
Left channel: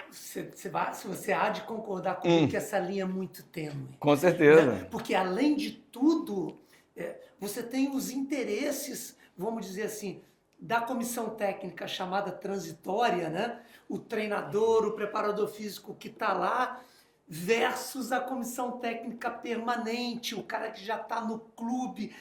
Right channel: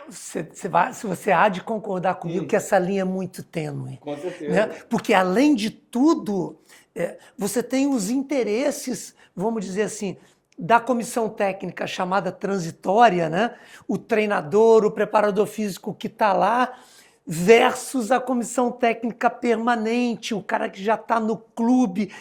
Você há de concordar comigo que essa linha é muito tênue. Com certeza. Né? Porque, além de tudo, você tem os interesses, vamos dizer assim, da comissão técnica chamada transitória, né? O treinador, o preparador físico que está lá, versus a comissão técnica permanente, o cara que já está no clube.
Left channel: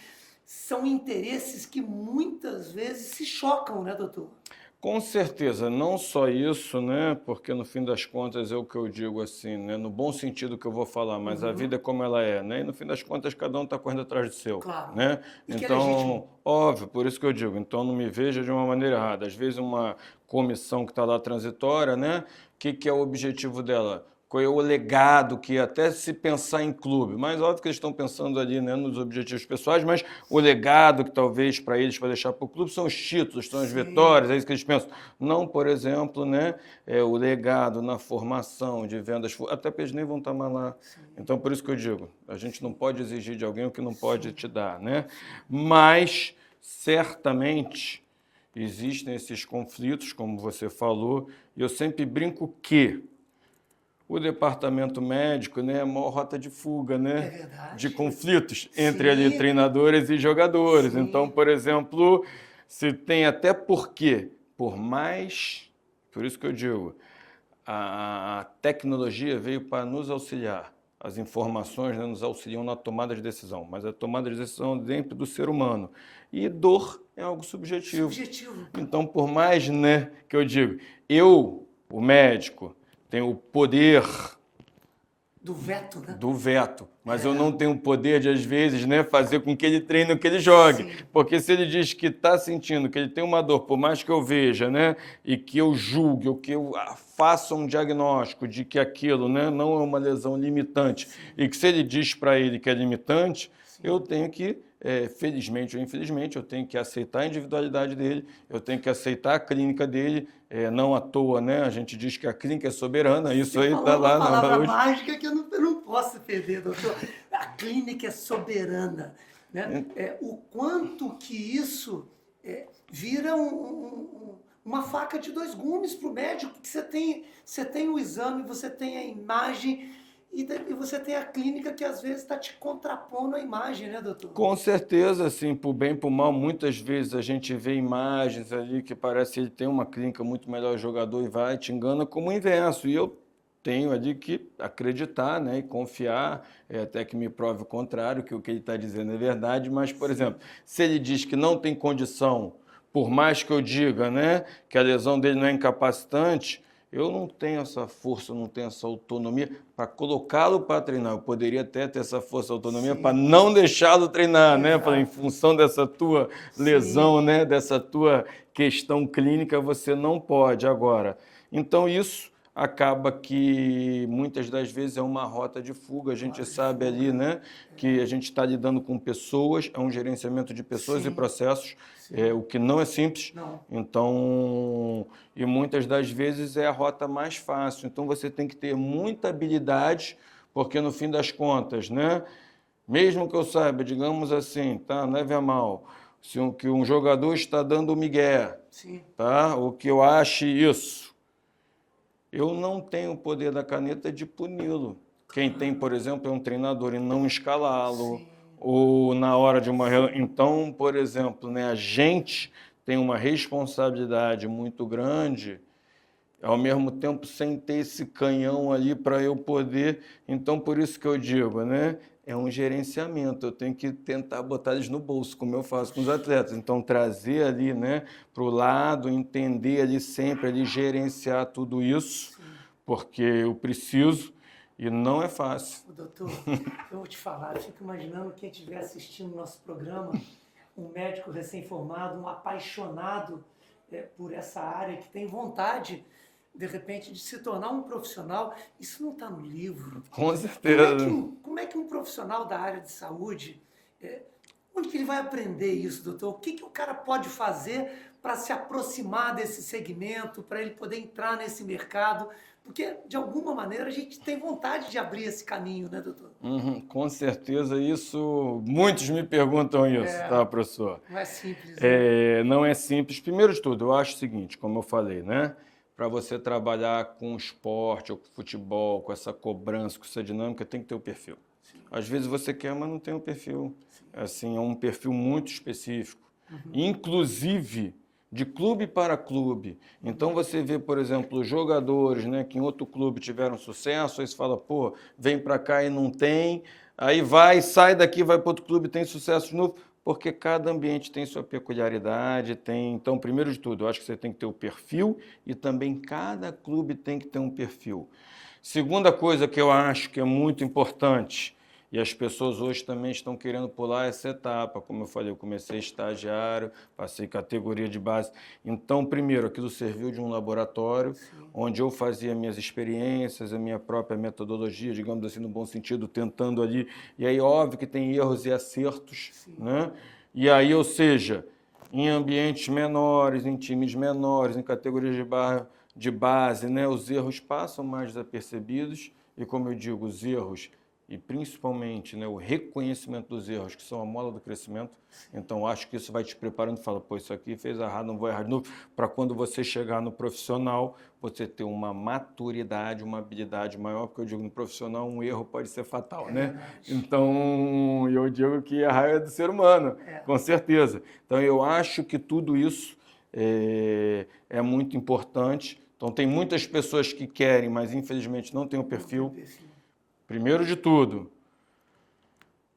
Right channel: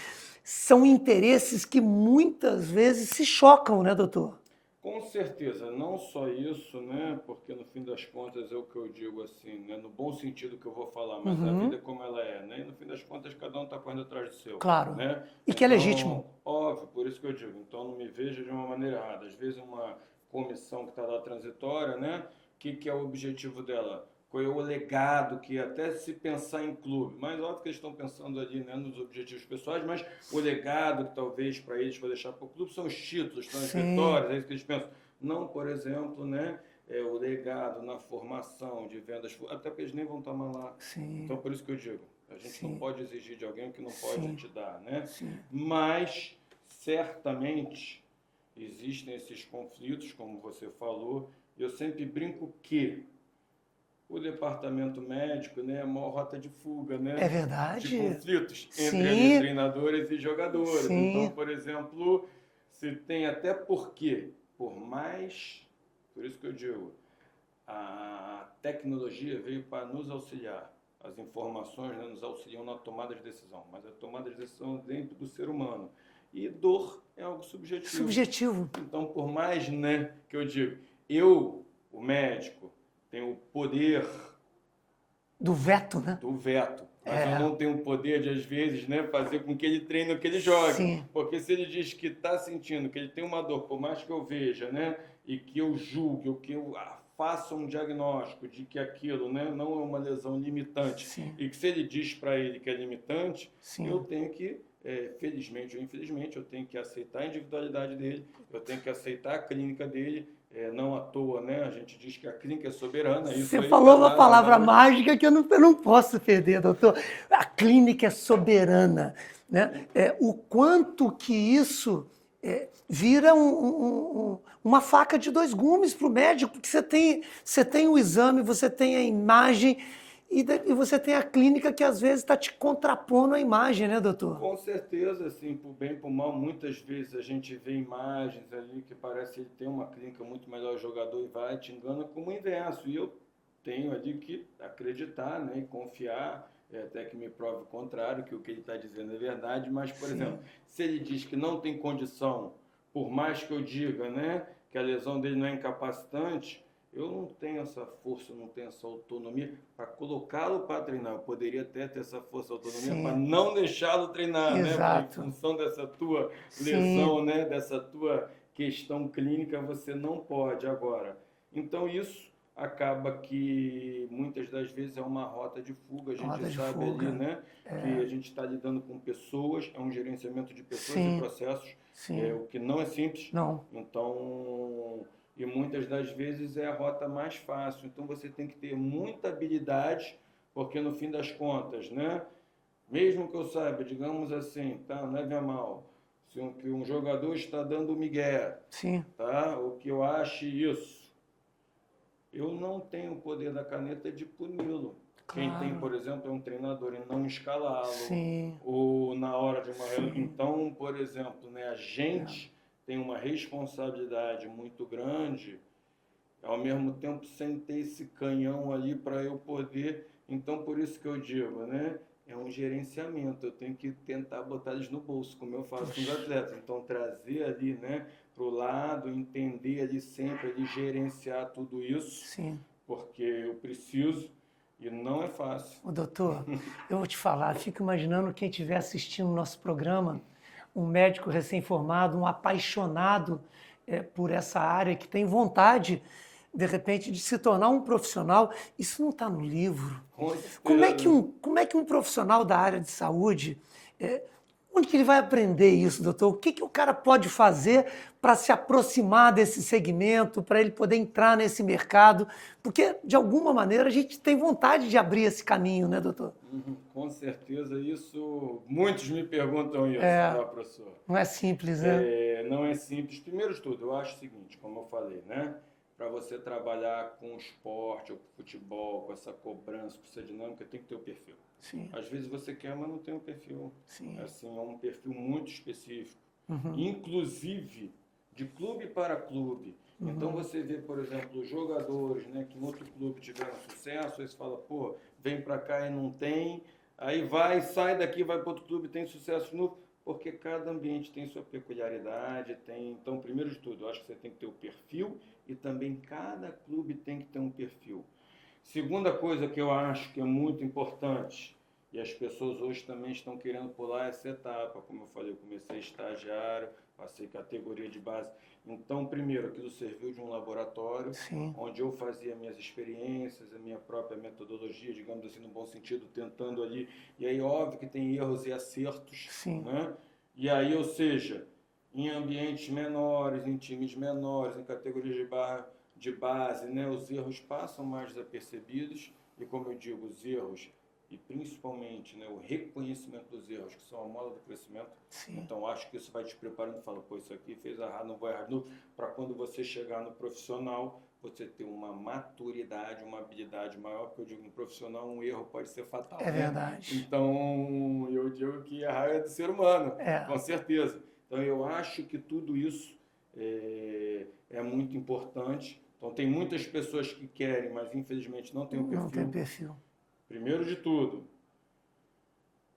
São interesses que muitas vezes se chocam, né, doutor? Com certeza, não só isso, né? Porque no fim das contas é o que eu digo assim, né? No bom sentido que eu vou falar, mas a vida é como ela é, né? E no fim das contas cada um está correndo atrás do seu. Claro. Né? E que é legítimo. Óbvio, por isso que eu digo, então não me veja de uma maneira errada. Às vezes uma comissão que está lá transitória, né? O que é o objetivo dela? Qual é o legado que até se pensar em clube, mas óbvio que eles estão pensando ali, né, nos objetivos pessoais, mas o legado que talvez para eles, para deixar para o clube, são os títulos, são as vitórias, é isso que eles pensam. Não, por exemplo, né, o legado na formação de vendas, até porque eles nem vão estar mais lá. Sim. Então, por isso que eu digo, a gente não pode exigir de alguém o que não pode te dar, né? Mas, certamente, existem esses conflitos, como você falou, e eu sempre brinco que o departamento médico, né, é a maior rota de fuga, né? É verdade. De conflitos entre ali treinadores e jogadores. Sim. Então, por exemplo, se tem até porque, por isso que eu digo, a tecnologia veio para nos auxiliar. As informações, né, nos auxiliam na tomada de decisão, mas a tomada de decisão é dentro do ser humano. E dor é algo subjetivo. Subjetivo. Então, por mais, né, que eu digo, o médico, tem o poder do veto, né? Do veto. Mas eu não tenho o poder de, às vezes, né, fazer com que ele treine ou que ele jogue. Sim. Porque se ele diz que está sentindo, que ele tem uma dor, por mais que eu veja, né, e que eu julgue, ou que eu faça um diagnóstico de que aquilo, né, não é uma lesão limitante, e que se ele diz para ele que é limitante, eu tenho que, felizmente ou infelizmente, eu tenho que aceitar a individualidade dele, eu tenho que aceitar a clínica dele. Não à toa, né? A gente diz que a clínica é soberana. Isso Você aí falou uma palavra mágica que eu não posso perder, doutor. A clínica é soberana. Né? O quanto que isso vira uma faca de dois gumes para o médico, porque você tem o exame, você tem a imagem e você tem a clínica que às vezes está te contrapondo a imagem, né, doutor? Com certeza, assim, por bem e por mal, muitas vezes a gente vê imagens ali que parece que ele tem uma clínica muito melhor jogador e vai, te engana como o inverso. E eu tenho ali que acreditar, né, e confiar, até que me prove o contrário, que o que ele está dizendo é verdade, mas, por exemplo, se ele diz que não tem condição, por mais que eu diga, né, que a lesão dele não é incapacitante, eu não tenho essa força, não tenho essa autonomia para colocá-lo para treinar. Eu poderia até ter essa força, autonomia para não deixá-lo treinar, né? Em função dessa tua lesão, né? Dessa tua questão clínica, você não pode agora. Então, isso acaba que muitas das vezes é uma rota de fuga. A gente sabe ali, né, que a gente está lidando com pessoas, é um gerenciamento de pessoas e processos, o que não é simples. Não. Então, e muitas das vezes é a rota mais fácil. Então, você tem que ter muita habilidade, porque no fim das contas, né, mesmo que eu saiba, digamos assim, tá, não leve a mal, que um jogador está dando migué, tá, ou que eu ache isso, eu não tenho o poder da caneta de puni-lo. Quem tem, por exemplo, é um treinador e não escalá-lo, ou na hora de uma reunião. Então, por exemplo, né, a gente tem uma responsabilidade muito grande, ao mesmo tempo sem ter esse canhão ali para eu poder. Então, por isso que eu digo, né? É um gerenciamento, eu tenho que tentar botar eles no bolso, como eu faço com os atletas. Então, trazer ali, né, para o lado, entender ali sempre, ali, gerenciar tudo isso, porque eu preciso e não é fácil. Ô, doutor, eu vou te falar, fico imaginando quem estiver assistindo o nosso programa, um médico recém-formado, um apaixonado por essa área, que tem vontade, de repente, de se tornar um profissional. Isso não está no livro. Com certeza. Como é que um profissional da área de saúde, onde que ele vai aprender isso, doutor? O que o cara pode fazer para se aproximar desse segmento, para ele poder entrar nesse mercado? Porque, de alguma maneira, a gente tem vontade de abrir esse caminho, né, doutor? Com certeza, isso, muitos me perguntam isso, tá, professor? Não é simples, né? Não é simples. Primeiro de tudo, eu acho o seguinte, como eu falei, né? Para você trabalhar com esporte ou com futebol, com essa cobrança, com essa dinâmica, tem que ter o perfil. Às vezes você quer, mas não tem o perfil. Assim, é um perfil muito específico. Inclusive, de clube para clube. Então, você vê, por exemplo, jogadores, né, que em outro clube tiveram sucesso, aí você fala, pô, vem para cá e não tem, aí vai, sai daqui, vai para outro clube, tem sucesso de novo, porque cada ambiente tem sua peculiaridade, tem. Então, primeiro de tudo, eu acho que você tem que ter o perfil e também cada clube tem que ter um perfil. Segunda coisa que eu acho que é muito importante, e as pessoas hoje também estão querendo pular essa etapa. Como eu falei, eu comecei estagiário, passei categoria de base. Então, primeiro, aquilo serviu de um laboratório, onde eu fazia minhas experiências, a minha própria metodologia, digamos assim, no bom sentido, tentando ali. E aí, óbvio que tem erros e acertos, né? E aí, ou seja, em ambientes menores, em times menores, em categorias de base, né? Os erros passam mais desapercebidos. E como eu digo, os erros e principalmente, né, o reconhecimento dos erros, que são a mola do crescimento. Então, acho que isso vai te preparando e fala, pô, isso aqui fez errado, não vou errar de novo, para quando você chegar no profissional, você ter uma maturidade, uma habilidade maior, porque eu digo, no profissional, um erro pode ser fatal, né? Verdade. Então, eu digo que errar é do ser humano, com certeza. Então, eu acho que tudo isso é muito importante. Então, tem muitas pessoas que querem, mas infelizmente não tem o perfil. Não tem perfil. Primeiro de tudo,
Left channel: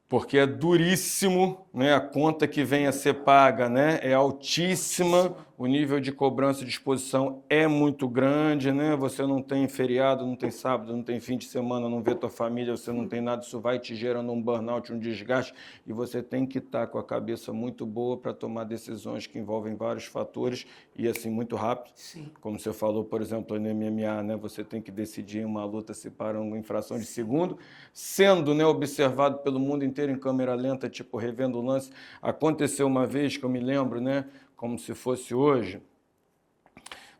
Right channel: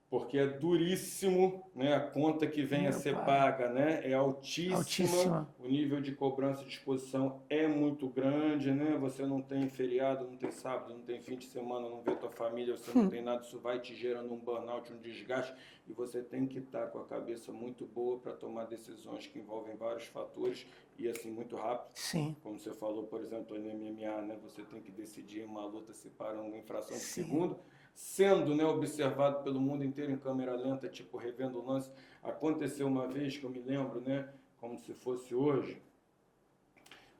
porque é duríssimo, né? A conta que vem a ser paga, né? É altíssima, o nível de cobrança de exposição é muito grande, né? Você não tem feriado, não tem sábado, não tem fim de semana, não vê tua família, você não tem nada, isso vai te gerando um burnout, um desgaste, e você tem que estar com a cabeça muito boa para tomar decisões que envolvem vários fatores e assim muito rápido. Como você falou, por exemplo, no MMA, né? Você tem que decidir uma luta se para uma infração de segundo, sendo, né, observado pelo mundo inteiro em câmera lenta, tipo revendo o lance. Aconteceu uma vez que eu me lembro, né, como se fosse hoje,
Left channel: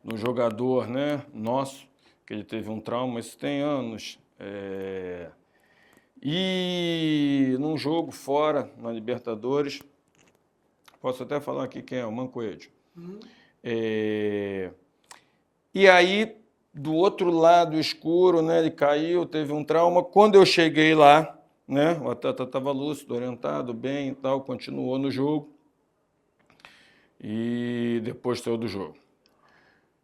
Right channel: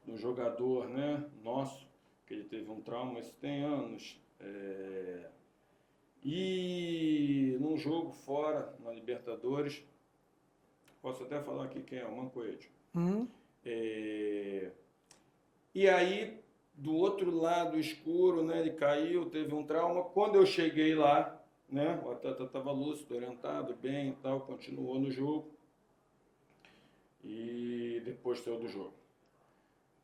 no jogador, né, nosso, que ele teve um trauma, isso tem anos, e num jogo fora, na Libertadores, posso até falar aqui quem é, o Mancoejo. E aí, do outro lado escuro, né, ele caiu, teve um trauma. Quando eu cheguei lá, né, o atleta estava lúcido, orientado, bem e tal, continuou no jogo e depois saiu do jogo.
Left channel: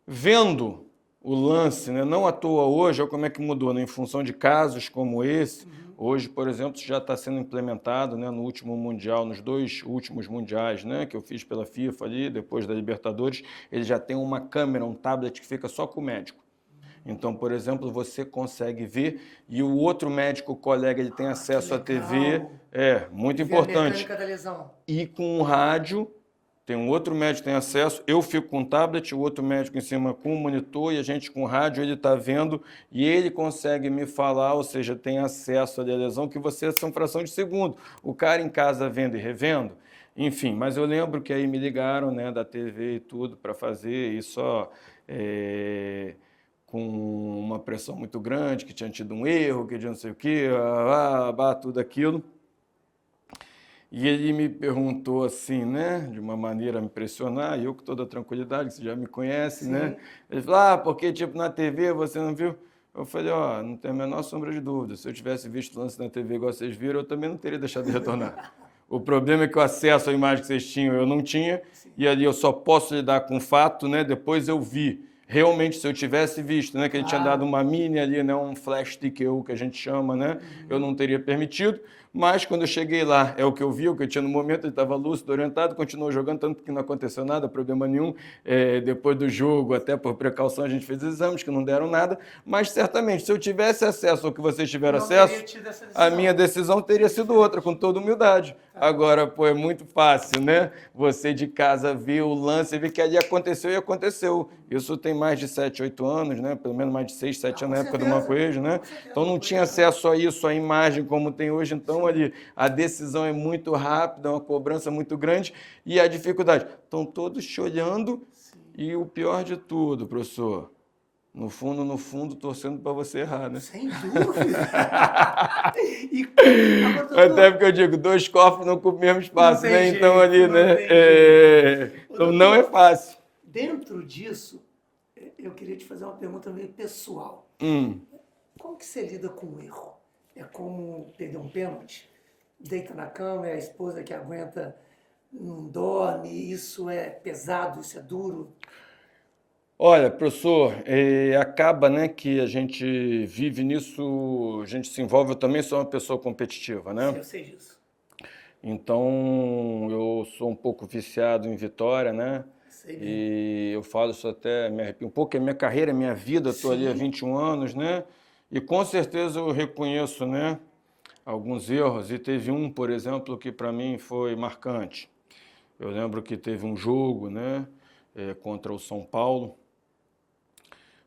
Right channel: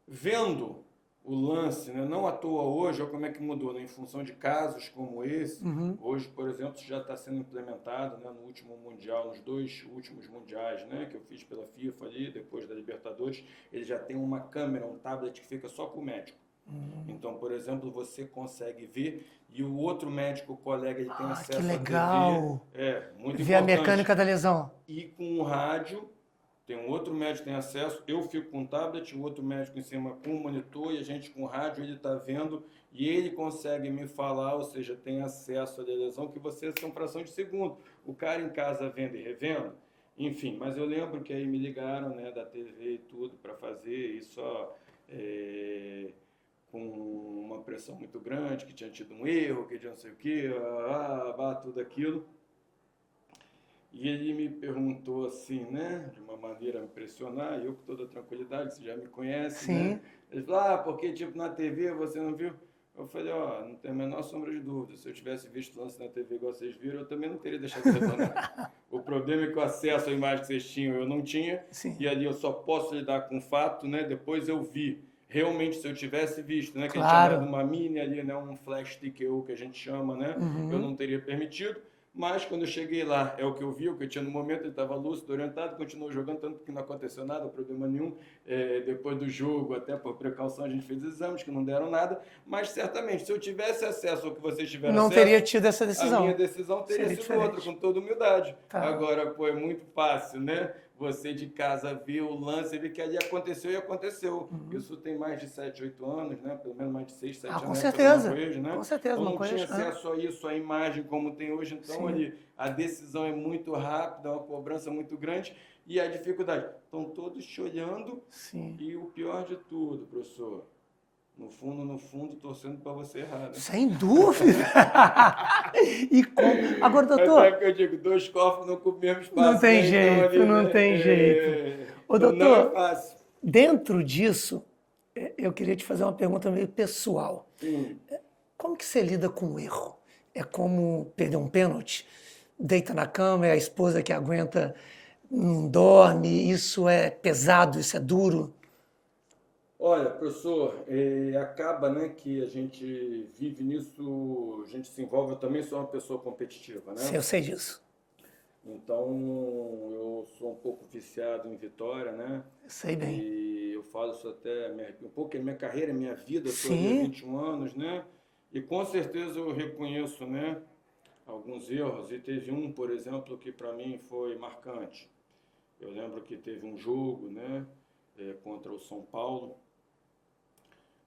Vendo o lance, né? Não à toa hoje, olha como é que mudou, né? Em função de casos como esse, hoje, por exemplo, já está sendo implementado, né, no último Mundial, nos 2 últimos Mundiais, né, que eu fiz pela FIFA ali, depois da Libertadores, ele já tem uma câmera, um tablet que fica só com o médico. Então, por exemplo, você consegue ver e o outro médico, o colega, ele tem acesso à TV. É, muito Ver a importante. mecânica da lesão. E com o rádio, tem um outro médico que tem acesso, eu fico com o tablet, o outro médico em cima com o monitor e a gente com o rádio, ele está vendo e ele consegue me falar, ou seja, tem acesso à lesão que você são fração de segundo. O cara em casa vendo e revendo, enfim, mas eu lembro que aí me ligaram, né, da TV e tudo para fazer e só com uma pressão muito grande, que tinha tido um erro, que tinha não sei o quê, tudo aquilo. E ele me perguntou assim, né, de uma maneira a me impressionar, e eu com toda a tranquilidade, que você já me conhece, né? Ele falou, porque tipo na TV você não viu? Eu falei, não tem a menor sombra de dúvida, se eu tivesse visto o lance na TV igual vocês viram, eu também não teria deixado de retornar. O problema é que o acesso à imagem que vocês tinham eu não tinha, e ali eu só posso lidar com o fato, né, depois eu vi. Realmente, se eu tivesse visto, né, que ele tinha dado uma mini ali, né, um flash TKO que a gente chama, né, eu não teria permitido. Mas quando eu cheguei lá, é o que eu vi, o que eu tinha no momento, ele estava lúcido, orientado, continuou jogando, tanto que não aconteceu nada, problema nenhum. Depois do jogo, até por precaução, a gente fez exames que não deram nada. Mas certamente, se eu tivesse acesso ao que vocês tiveram acesso, não teria tido essa decisão. A minha decisão teria sido diferente. Outra, com toda humildade. Agora, pô, é muito fácil, né? Você de casa vê o lance, vê que ali aconteceu e aconteceu. Isso tem mais de 7, 8 anos, né? Pelo menos mais de 6, 7 anos na época do Mancoejo, né? Com certeza, então não tinha acesso a isso, a imagem como tem hoje. Então, ali, a decisão é muito rápida, uma cobrança muito grande e a dificuldade. Estão todos te olhando e o pior de tudo, professor, no fundo, torcendo para você errar, né? Sem dúvida! Agora, doutor... Até porque eu digo, 2 cofres não ocupam o mesmo espaço, não tem né? Jeito, então ali, não né? tem jeito. Então doutor, não é fácil. Dentro disso, eu queria te fazer uma pergunta meio pessoal. Como que você lida com o erro? É como perder um pênalti? Deita na cama, é a esposa que aguenta, não dorme, isso é pesado, isso é duro? Olha, professor, acaba, né, que a gente vive nisso, a gente se envolve, eu também sou uma pessoa competitiva, né? Eu sei disso. Então, eu sou um pouco viciado em vitória, né? Sei bem. E eu falo isso até, me arrepio um pouco, é minha carreira, minha vida, eu estou ali há 21 anos, né? E com certeza eu reconheço, né, alguns erros, e teve um, por exemplo, que para mim foi marcante. Eu lembro que teve um jogo, né, contra o São Paulo.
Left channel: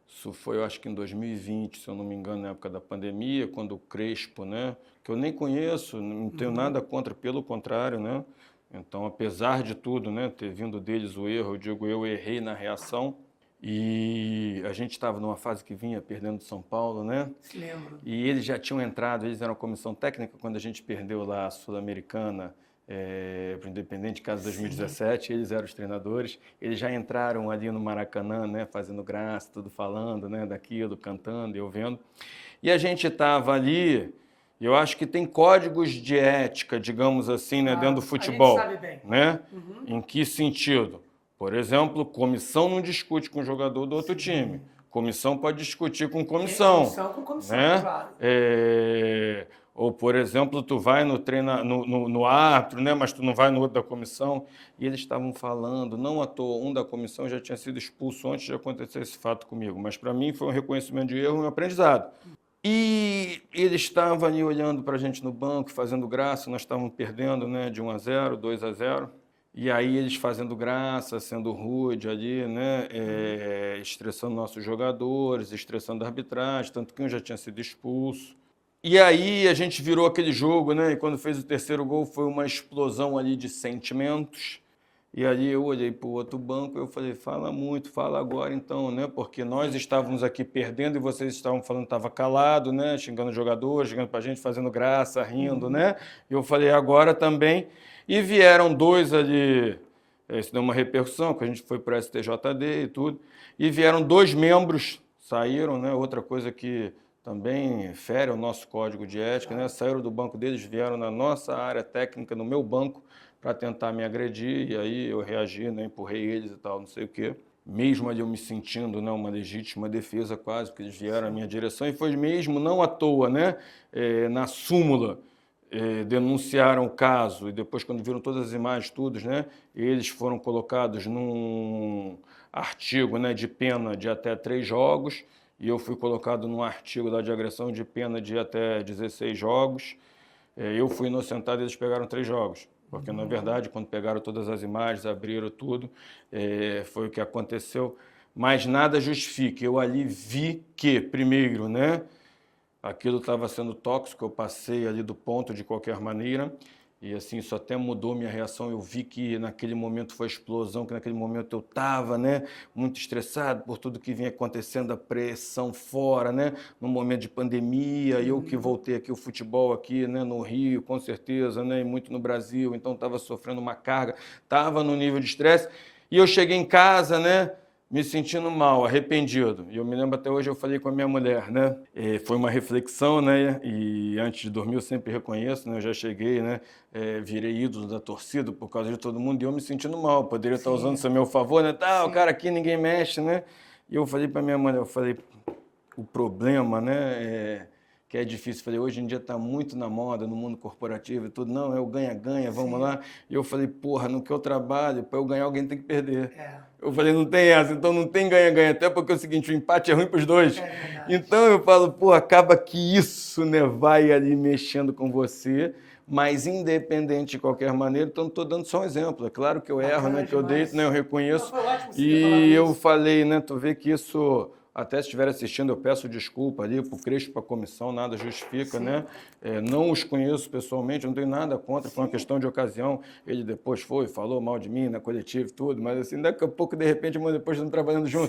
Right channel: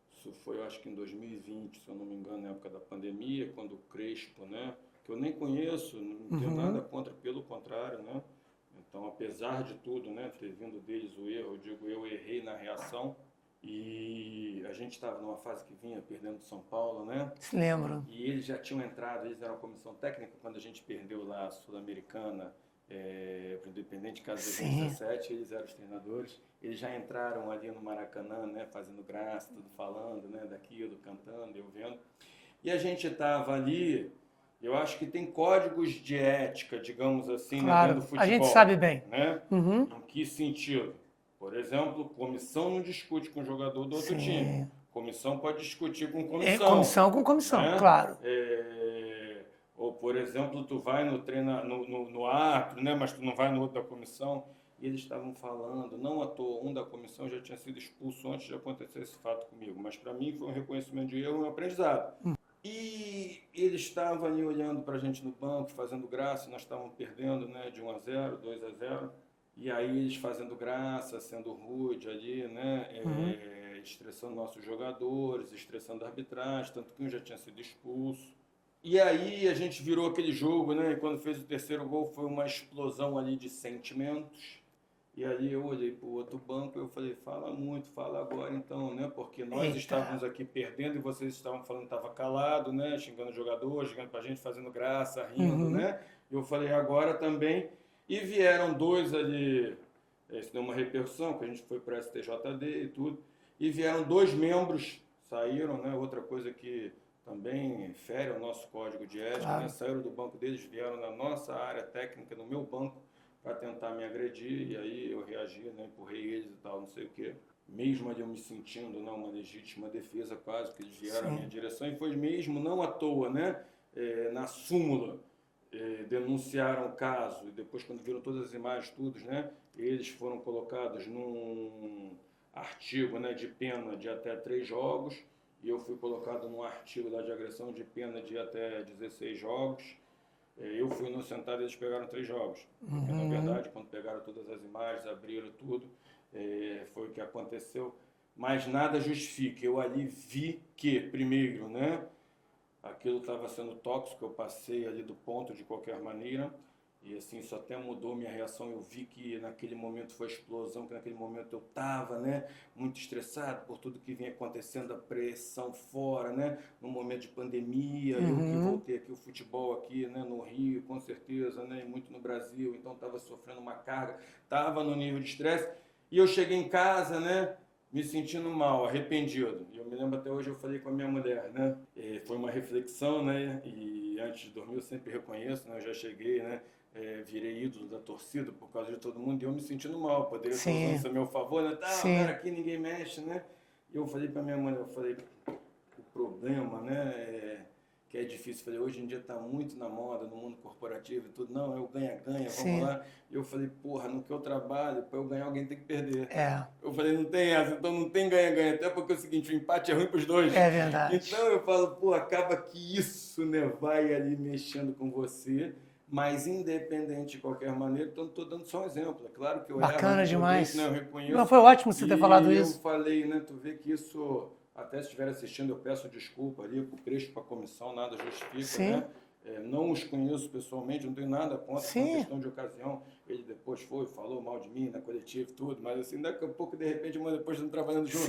Isso foi, eu acho que em 2020, se eu não me engano, na época da pandemia, quando o Crespo, né, que eu nem conheço, não tenho nada contra, pelo contrário, né? Então, apesar de tudo, né, ter vindo deles o erro, eu digo, eu errei na reação. E a gente estava numa fase que vinha perdendo São Paulo, né? Se lembro. E eles já tinham entrado, eles eram a comissão técnica quando a gente perdeu lá a Sul-Americana para o Independente, caso de 2017, eles eram os treinadores. Eles já entraram ali no Maracanã, né? Fazendo graça, tudo falando, né? Daquilo, cantando, eu vendo. E a gente estava ali, eu acho que tem códigos de ética, digamos assim, né? Dentro do futebol. A gente sabe bem. Né? Em que sentido? Por exemplo, comissão não discute com o jogador do outro time. Comissão pode discutir com comissão. Comissão com comissão, né? claro. Ou, por exemplo, tu vai no árbitro, né? Mas tu não vai no outro da comissão. E eles estavam falando, não à toa, um da comissão já tinha sido expulso antes de acontecer esse fato comigo. Mas para mim foi um reconhecimento de erro e um aprendizado. E eles estavam ali olhando para a gente no banco, fazendo graça. Nós estávamos perdendo, né? De 1-0, 2-0. E aí eles fazendo graça, sendo rude ali, né? Estressando nossos jogadores, estressando a arbitragem, tanto que um já tinha sido expulso. E aí a gente virou aquele jogo, né? E quando fez o terceiro gol foi uma explosão ali de sentimentos. E ali eu olhei para o outro banco e eu falei, fala muito, fala agora então, né? Porque nós estávamos aqui perdendo e vocês estavam falando que estava calado, né? Xingando o jogador, xingando para a gente, fazendo graça, rindo, né? E eu falei, agora também... E vieram 2 ali, isso deu uma repercussão, que a gente foi para o STJD e tudo, e vieram 2 membros, saíram, né? Outra coisa que também fere o nosso código de ética, né? Saíram do banco deles, vieram na nossa área técnica, no meu banco, para tentar me agredir, e aí eu reagi, né? Empurrei eles e tal, não sei o quê. mesmo ali eu me sentindo, né, uma legítima defesa quase, porque eles vieram à Sim. minha direção, e foi mesmo, não à toa, né, na súmula, denunciaram o caso, e depois quando viram todas as imagens, tudo, né, eles foram colocados num artigo, né, de pena de até 3 jogos, e eu fui colocado num artigo de agressão de pena de até 16 jogos. Eu fui inocentado e eles pegaram 3 jogos, porque na verdade quando pegaram todas as imagens, abriram tudo, foi o que aconteceu, mas nada justifica. Eu ali vi que, primeiro, né, aquilo estava sendo tóxico, eu passei ali do ponto de qualquer maneira, e assim, isso até mudou minha reação. Eu vi que naquele momento foi explosão, que naquele momento eu estava, né, muito estressado por tudo que vinha acontecendo, a pressão fora, né, no momento de pandemia, eu que voltei aqui o futebol aqui, né, no Rio, com certeza, né, e muito no Brasil, então estava sofrendo uma carga, estava no nível de estresse, e eu cheguei em casa, né, me sentindo mal, arrependido. E eu me lembro até hoje, eu falei com a minha mulher, né? Foi uma reflexão, né? E antes de dormir eu sempre reconheço, né? Eu já cheguei, né? Virei ídolo da torcida por causa de todo mundo e eu me sentindo mal. Poderia estar usando isso a meu favor, né? Tá, o cara aqui ninguém mexe, né? E eu falei para minha mulher, eu falei, o problema, né? Que é difícil. Falei, hoje em dia está muito na moda, no mundo corporativo e tudo. Não, é o ganha-ganha, vamos lá. E eu falei, porra, no que eu trabalho, para eu ganhar alguém tem que perder. Eu falei, não tem essa, então não tem ganha-ganha. Até porque é o seguinte, o empate é ruim para os dois. É verdade. Então eu falo, pô, acaba que isso, né, vai ali mexendo com você, mas independente de qualquer maneira, então estou dando só um exemplo. É claro que eu erro, né, que eu deito, né, eu reconheço. Não, foi ótimo você ter falado isso. E eu falei, né, tu vê que isso... Até se estiver assistindo, eu peço desculpa ali para o Crespo, para a comissão, nada justifica, né? Não os conheço pessoalmente, não tenho nada contra, foi uma questão de ocasião. Ele depois foi, falou mal de mim na coletiva e tudo, mas assim, daqui a pouco, de repente, depois estamos trabalhando junto.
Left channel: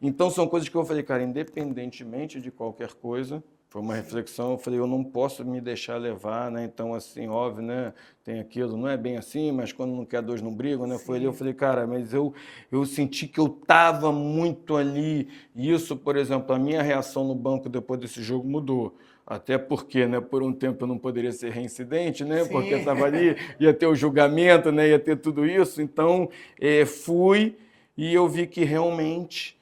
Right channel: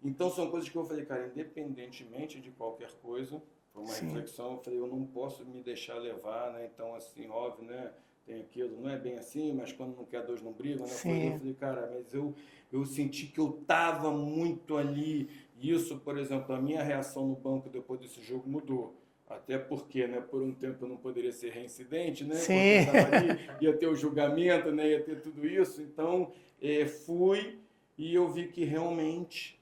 Então são coisas que eu falei, cara, independentemente de qualquer coisa, foi uma reflexão, eu falei, eu não posso me deixar levar, né? Então, assim, óbvio, né? Tem aquilo, não é bem assim, mas quando não quer, dois não brigam, né? Foi ali, eu falei, cara, mas eu senti que eu estava muito ali. E isso, por exemplo, a minha reação no banco depois desse jogo mudou. Até porque, né, por um tempo eu não poderia ser reincidente, né? Porque eu estava ali, ia ter o julgamento, né? Ia ter tudo isso. Então, fui e eu vi que realmente...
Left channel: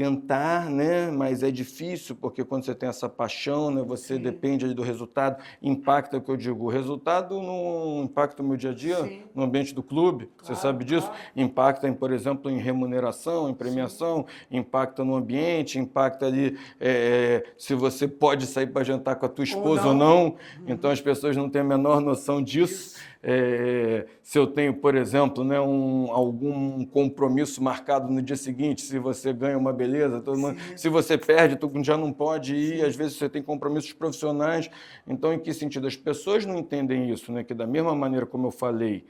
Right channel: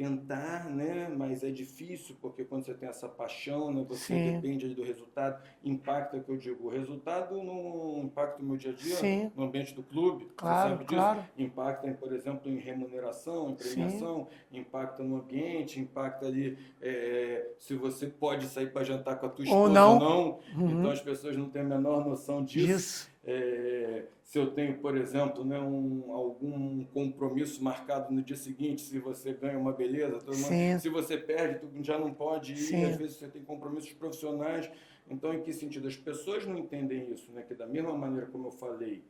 tentar, né? Mas é difícil, porque quando você tem essa paixão, né? Você depende ali do resultado, impacta o que eu digo. O resultado não impacta o meu dia a dia no ambiente do clube, você sabe disso? Impacta, por exemplo, em remuneração, em premiação, impacta no ambiente, impacta ali se você pode sair para jantar com a tua esposa ou não. Então as pessoas não têm a menor noção disso. Se eu tenho, por exemplo, né, algum compromisso marcado no dia seguinte, se você ganha uma beleza, se você perde, tu já não pode ir, às vezes você tem compromissos profissionais. Então, em que sentido? As pessoas não entendem isso, né? Que da mesma maneira como eu falei,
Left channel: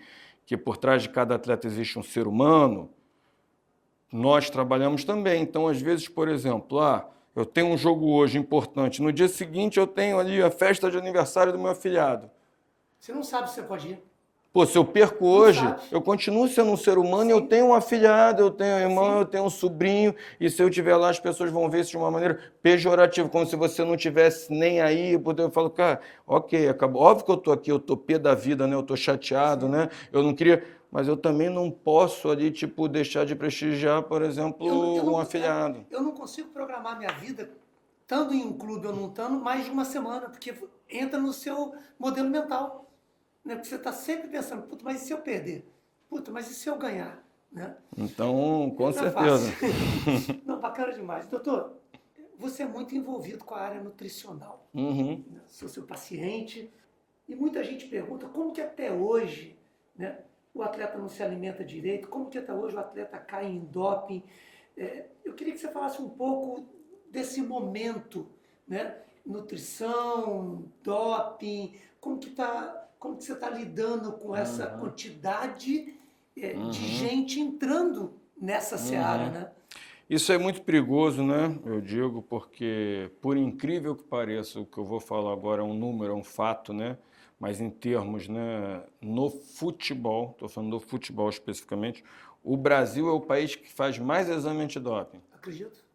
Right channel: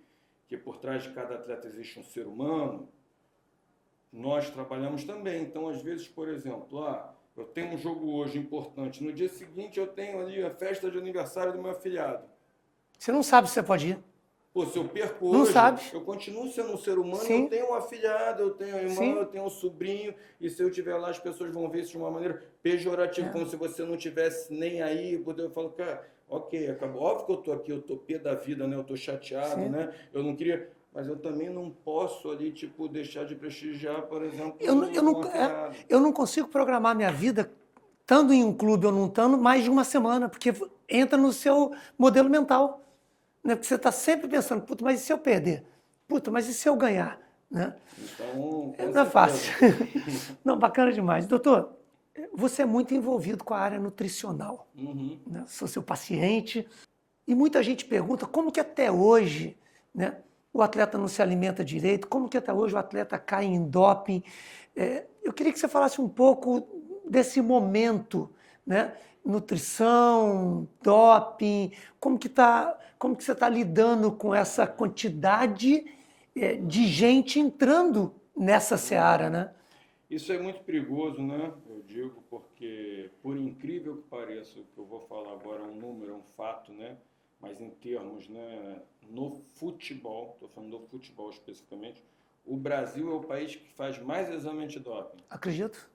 que por trás de cada atleta existe um ser humano, nós trabalhamos também. Então, às vezes, por exemplo, eu tenho um jogo hoje importante, no dia seguinte eu tenho ali a festa de aniversário do meu afilhado. Você não sabe se você pode ir. Pô, se eu perco hoje, eu continuo sendo um ser humano, eu tenho um afilhado, eu tenho um irmão, eu tenho um sobrinho, e se eu estiver lá, as pessoas vão ver isso de uma maneira pejorativa, como se você não tivesse nem aí. Eu falo, cara, ok, acabou. Óbvio que eu tô aqui, eu tô pé da vida, né? Eu tô chateado, né? Eu não queria... Mas eu também não posso ali, tipo, deixar de prestigiar, por exemplo, um afilhado. Eu não consigo programar minha vida, estando em um clube ou não estando, mais de uma semana, porque entra no seu modelo mental. Né? Porque você está sempre pensando, puta, mas e se eu perder? Puta, mas e se eu ganhar? Né? Então, com não certeza. É fácil. Não, bacana demais. Doutor, você é muito envolvido com a área nutricional. Né? Sou seu paciente. E muita gente pergunta como que até hoje, né, o atleta não se alimenta direito, como que até hoje o atleta cai em doping. Eu queria que você falasse um pouco desse momento, né? Nutrição, doping, como que você está lidando com essa quantidade de gente entrando nessa seara, né? Isso é muito perigoso, né? Eu digo porque, por incrível que pareça, o que eu vou falar agora é um número, é um fato, né? Mas em termos, né, no futebol, estou falando do futebol especificamente, o Brasil é o país que faz mais exame antidoping. Acredito.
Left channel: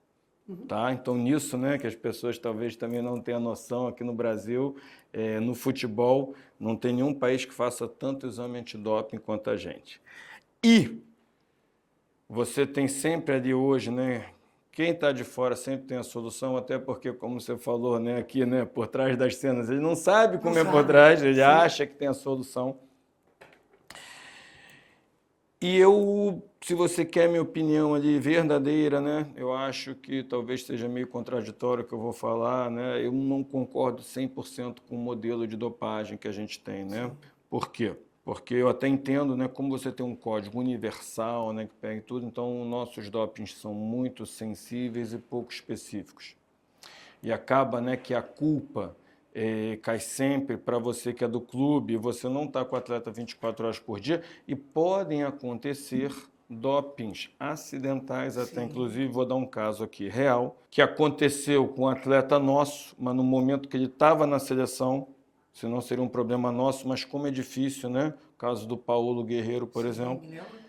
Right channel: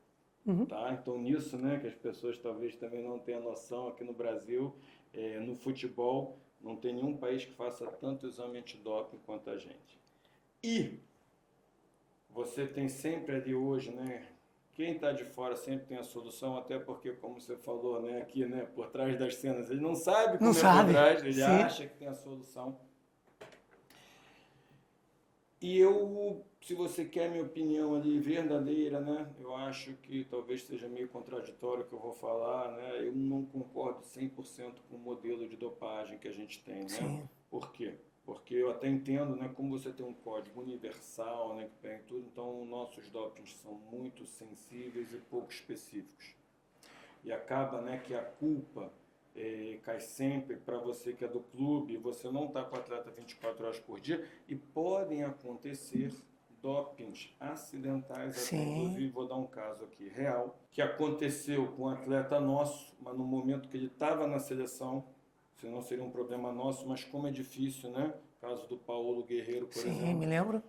Tá? Então, nisso, né, que as pessoas talvez também não tenham noção, aqui no Brasil, no futebol, não tem nenhum país que faça tanto exame antidoping quanto a gente. E você tem sempre ali hoje, né? Quem está de fora sempre tem a solução, até porque, como você falou, né, aqui, né, por trás das cenas, ele não sabe como Não é por sabe. trás, ele Sim. acha que tem a solução. E eu, se você quer minha opinião ali verdadeira, né, eu acho que talvez seja meio contraditório o que eu vou falar, né, eu não concordo 100% com o modelo de dopagem que a gente tem, né? Sim. Por quê? Porque eu até entendo, né, como você tem um código universal, né, que pega em tudo, então nossos dopings são muito sensíveis e pouco específicos. E acaba, né, que a culpa cai sempre para você que é do clube, você não está com o atleta 24 horas por dia e podem acontecer dopings acidentais até. Sim. Inclusive, vou dar um caso aqui real, que aconteceu com um atleta nosso, mas no momento que ele estava na seleção, senão seria um problema nosso, mas como é difícil, né? O caso do Paulo Guerreiro, por Sim, exemplo. me lembro.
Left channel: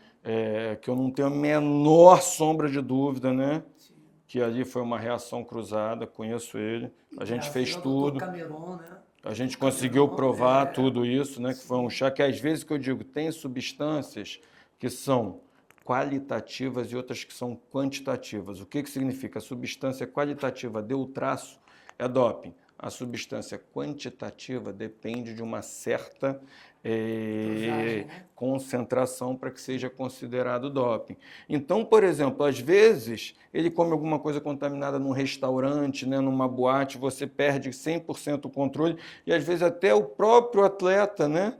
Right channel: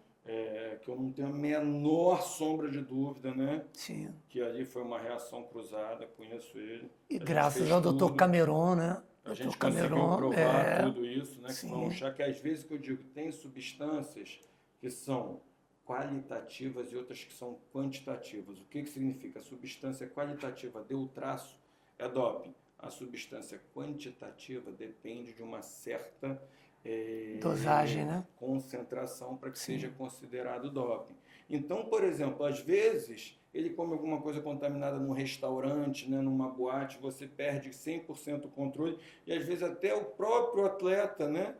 Que eu não tenho a menor sombra de dúvida, né? Sim. Que ali foi uma reação cruzada, conheço ele. E A gente graças fez ao Dr. tudo. Cameron, né? A gente Dr. conseguiu Cameron, provar tudo isso, né? Que sim. foi um chá que às vezes que eu digo, tem substâncias que são qualitativas e outras que são quantitativas. O que significa? A substância qualitativa deu o traço, é doping. A substância quantitativa depende de uma certa dosagem, né? concentração para que seja considerado doping. Então, por exemplo, às vezes ele come alguma coisa contaminada num restaurante, né, numa boate, você perde 100% o controle e às vezes até o próprio atleta, né,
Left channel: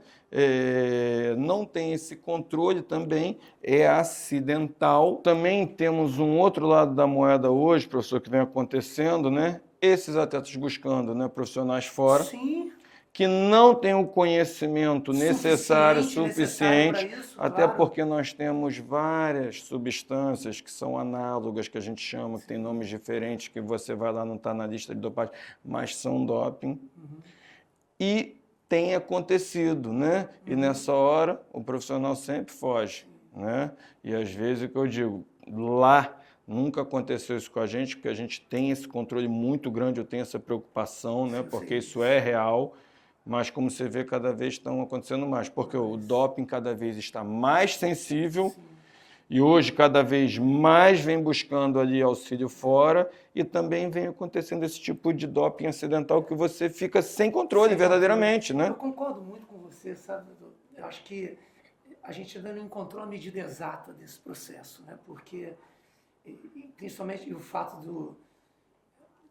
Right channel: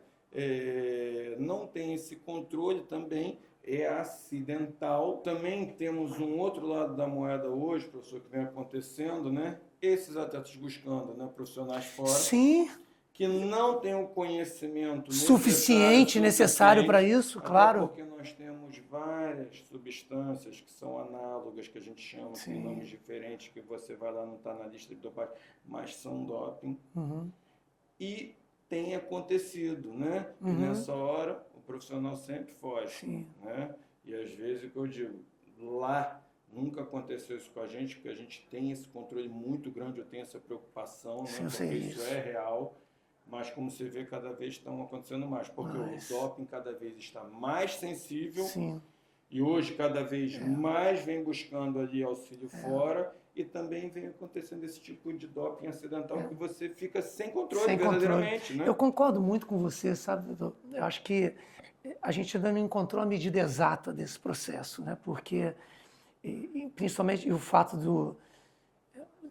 não tem esse controle também, é acidental. Também temos um outro lado da moeda hoje, professor, que vem acontecendo, né? Esses atletas buscando, né, profissionais fora. Sim. Que não tem o conhecimento necessário para isso, até claro. porque nós temos várias substâncias que são análogas, que a gente chama, que tem nomes diferentes, que você vai lá, não está na lista de dopagem, mas são doping. E tem acontecido, né? E nessa hora, o profissional sempre foge, né? E às vezes o que eu digo, lá nunca aconteceu isso com a gente, porque a gente tem esse controle muito grande, eu tenho essa preocupação, né? Porque isso é real. Mas, como você vê, cada vez estão acontecendo mais, porque o doping cada vez está mais sensível e hoje cada vez mais vem buscando ali auxílio fora e também vem acontecendo esse tipo de doping acidental que você fica sem controle, verdadeiramente, né? Eu concordo muito com você, sabe? Eu acho que a gente ainda não encontrou a medida exata desse processo, né? Porque, principalmente o fato do...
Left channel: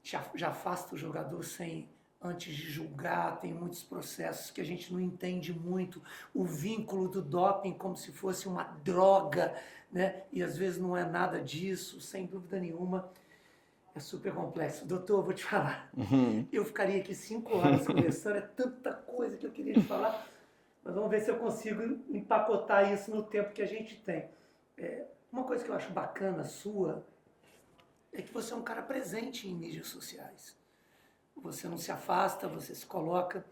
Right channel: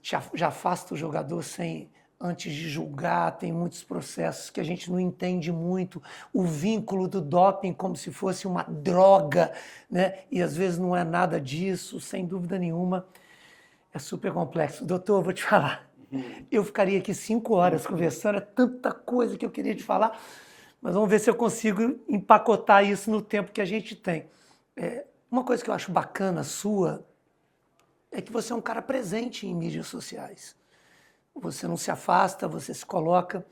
Já afasta o jogador sem... Antes de julgar, tem muitos processos que a gente não entende muito. O vínculo do doping como se fosse uma droga, né? E às vezes não é nada disso, sem dúvida nenhuma. É super complexo. Doutor, vou te falar. Eu ficaria aqui 5 horas conversando, é tanta coisa que eu queria te falar, mas vamos ver se eu consigo empacotar isso no tempo que a gente tem. Uma coisa que eu acho bacana sua é que você é um cara presente em mídias sociais. Você não se afasta, você se coloca.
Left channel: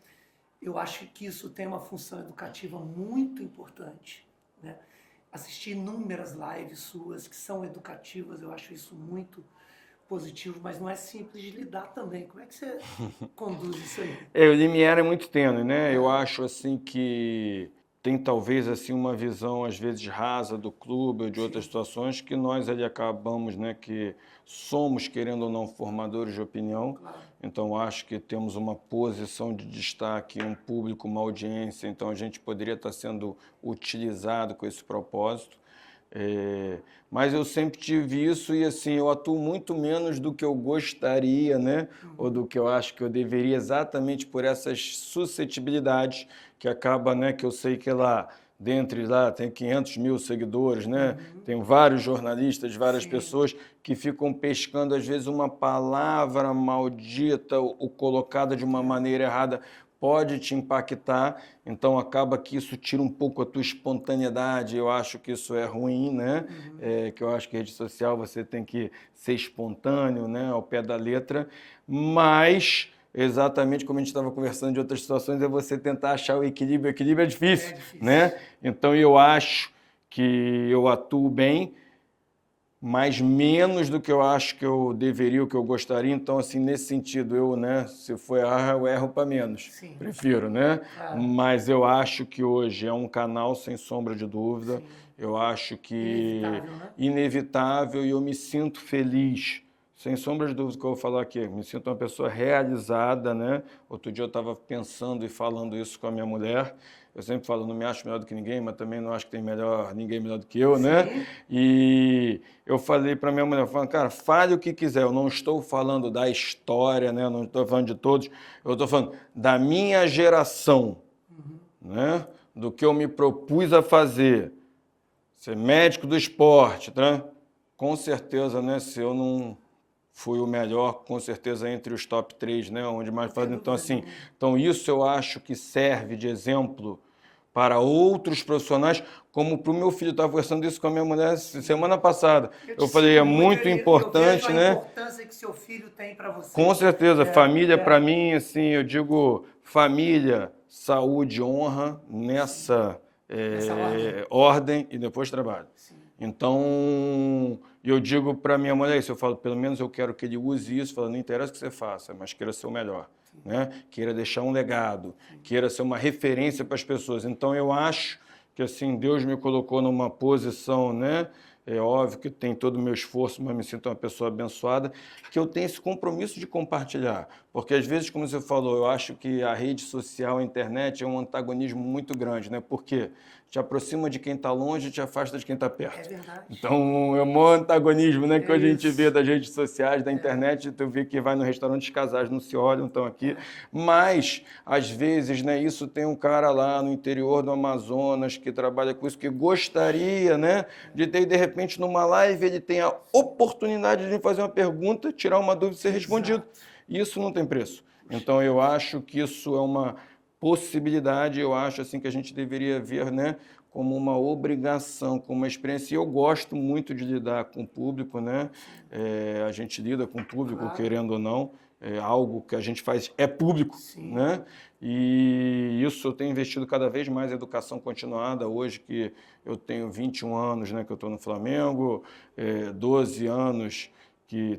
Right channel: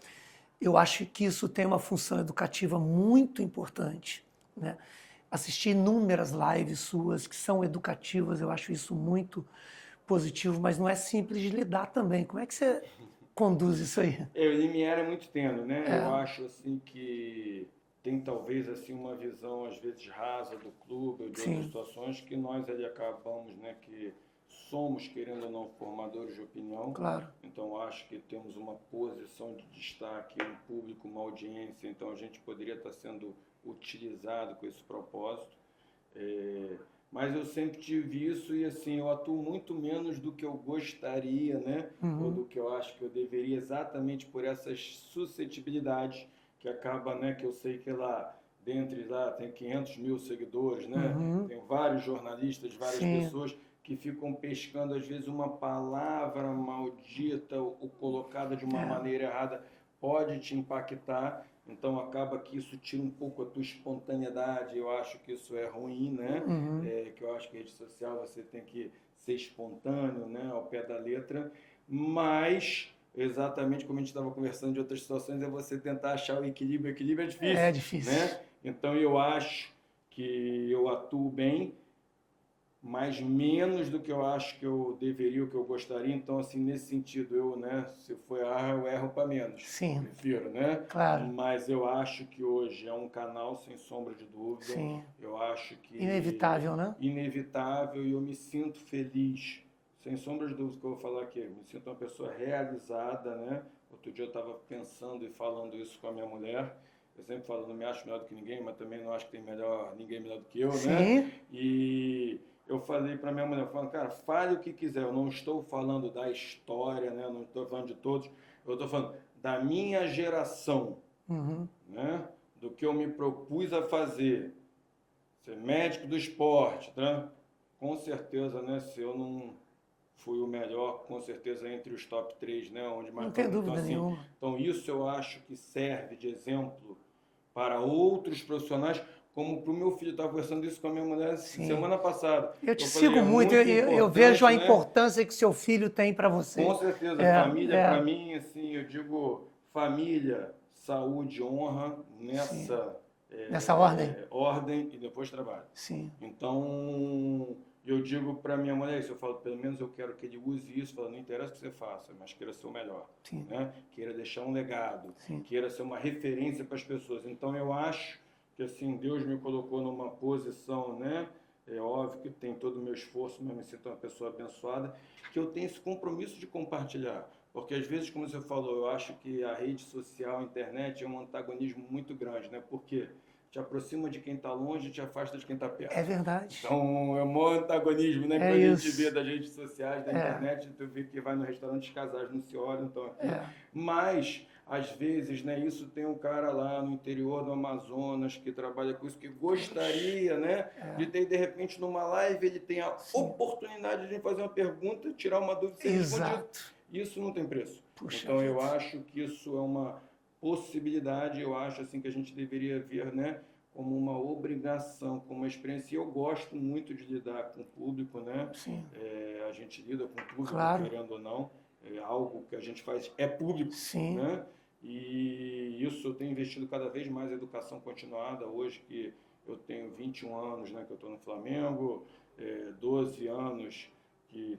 Eu acho que isso tem uma função educativa muito importante, né? Assisti inúmeras lives suas que são educativas, eu acho isso muito positivo, mas não é simples de lidar também. Como é que você conduz isso aí? O limiar é muito tênue, né? Eu acho assim que tem talvez assim uma visão às vezes rasa do clube ou de outras situações que nós ali acabamos, né, que somos, querendo ou não, formadores de opinião. Claro. Então, acho que temos uma posição de destaque, um público, uma audiência. Então, a gente poderia estar sendo utilizado com esse propósito. Mas eu sempre tive isso e, assim, eu atuo muito menos do que eu gostaria, né? Ou do que eu acho que eu deveria, exatamente por essas suscetibilidades que acaba, né? Que eu sei que lá... Dentre lá tem 500 mil seguidores, né? Tem vários jornalistas, várias pessoas que ficam pescando, às vezes, uma palavra maldita ou colocada de uma maneira errada pode te impactar, então acaba que isso tira um pouco a tua espontaneidade, eu acho que isso é ruim, né? Que eu acho que rede social você tem que ser espontâneo, né? Ao pé da letra, mas... Exatamente como a gente estava conversando de outras situações, é você tentar achar o equilíbrio. O equilíbrio é difícil. É difícil. Né? Então, eu acho que eu atuo bem, mas menos do que eu acho que eu deveria, o que eu gostaria. Então, assim, nesse sentido, eu, né, se for errar, eu erro para menos. Sim. Prefiro, né? Claro. Mas eu acho que hoje é um canal sem sombra de dúvida. Sim. Eu acho que... Inevitável, né? Inevitável, e eu me sinto feliz. Sem sombra de dúvida que eu vou falar aqui, me sinto uma pessoa realizada, né? Outro dia eu estava pensando e falando isso com a minha mulher. Eu sempre falo, não me acho melhor do que ninguém, mas também não acho que tem ninguém melhor do que eu, né? Sim. E eu falei para minha mulher, falando, cara, fale o que quiser, eu não estou falando da história, né? Eu não estou falando de todos, eu estou falando da minha geração, né? Do que eu me propus a fazer, ser médico do esporte, tá? Com certeza, né? Se eu não fui o melhor, com certeza, entre os top 3, né? Onde mais faz. Então, assim, então isso eu acho que serve de exemplo para outros profissionais, como para o meu filho. Eu estava conversando isso com a minha mulher semana passada. Eu falei, é muito importante, eu vejo a né? importância que seu filho tem para você. Com certeza, família para mim, assim, eu digo família, saúde, honra nessa ordem e depois trabalho. Sim. Então, eu digo para minha mulher isso, eu falo, pelo menos eu quero que ele use isso, falo, não interessa o que você faça, mas queira ser o melhor, né? Queira deixar um legado, queira ser uma referência para as pessoas. Então, eu acho que, assim, Deus me colocou numa posição, né? É óbvio que tem todo o meu esforço, mas me sinto uma pessoa abençoada, que eu tenho esse compromisso de compartilhar. Porque, às vezes, como você falou, eu acho que a rede social, a internet, é um antagonismo muito grande, né? Porque te aproxima de quem está longe e te afasta de quem está perto. É verdade. Então, é um maior antagonismo, né? Que a gente vê das redes sociais, da internet, tu vê que vai no restaurante, os casais não se olham, estão aqui. Mas, às vezes, né, isso tem um cara lá no interior do Amazonas que trabalha com isso, que gostaria, né, de ter, de repente, numa live, ele tem a oportunidade de fazer uma pergunta, tirar uma dúvida e ser respondido. E isso não tem preço. Então, eu acho que isso é uma possibilidade, eu acho assim que a gente deveria ver, né, como uma obrigação, como uma experiência. E eu gosto muito de lidar com o público, né? A gente lida com o público, querendo ou não, algo que a gente faz é público, né? E isso eu tenho investido cada vez mais em educação continuada. Hoje que eu tenho 21 anos, né, que eu estou no Flamengo, 12 anos,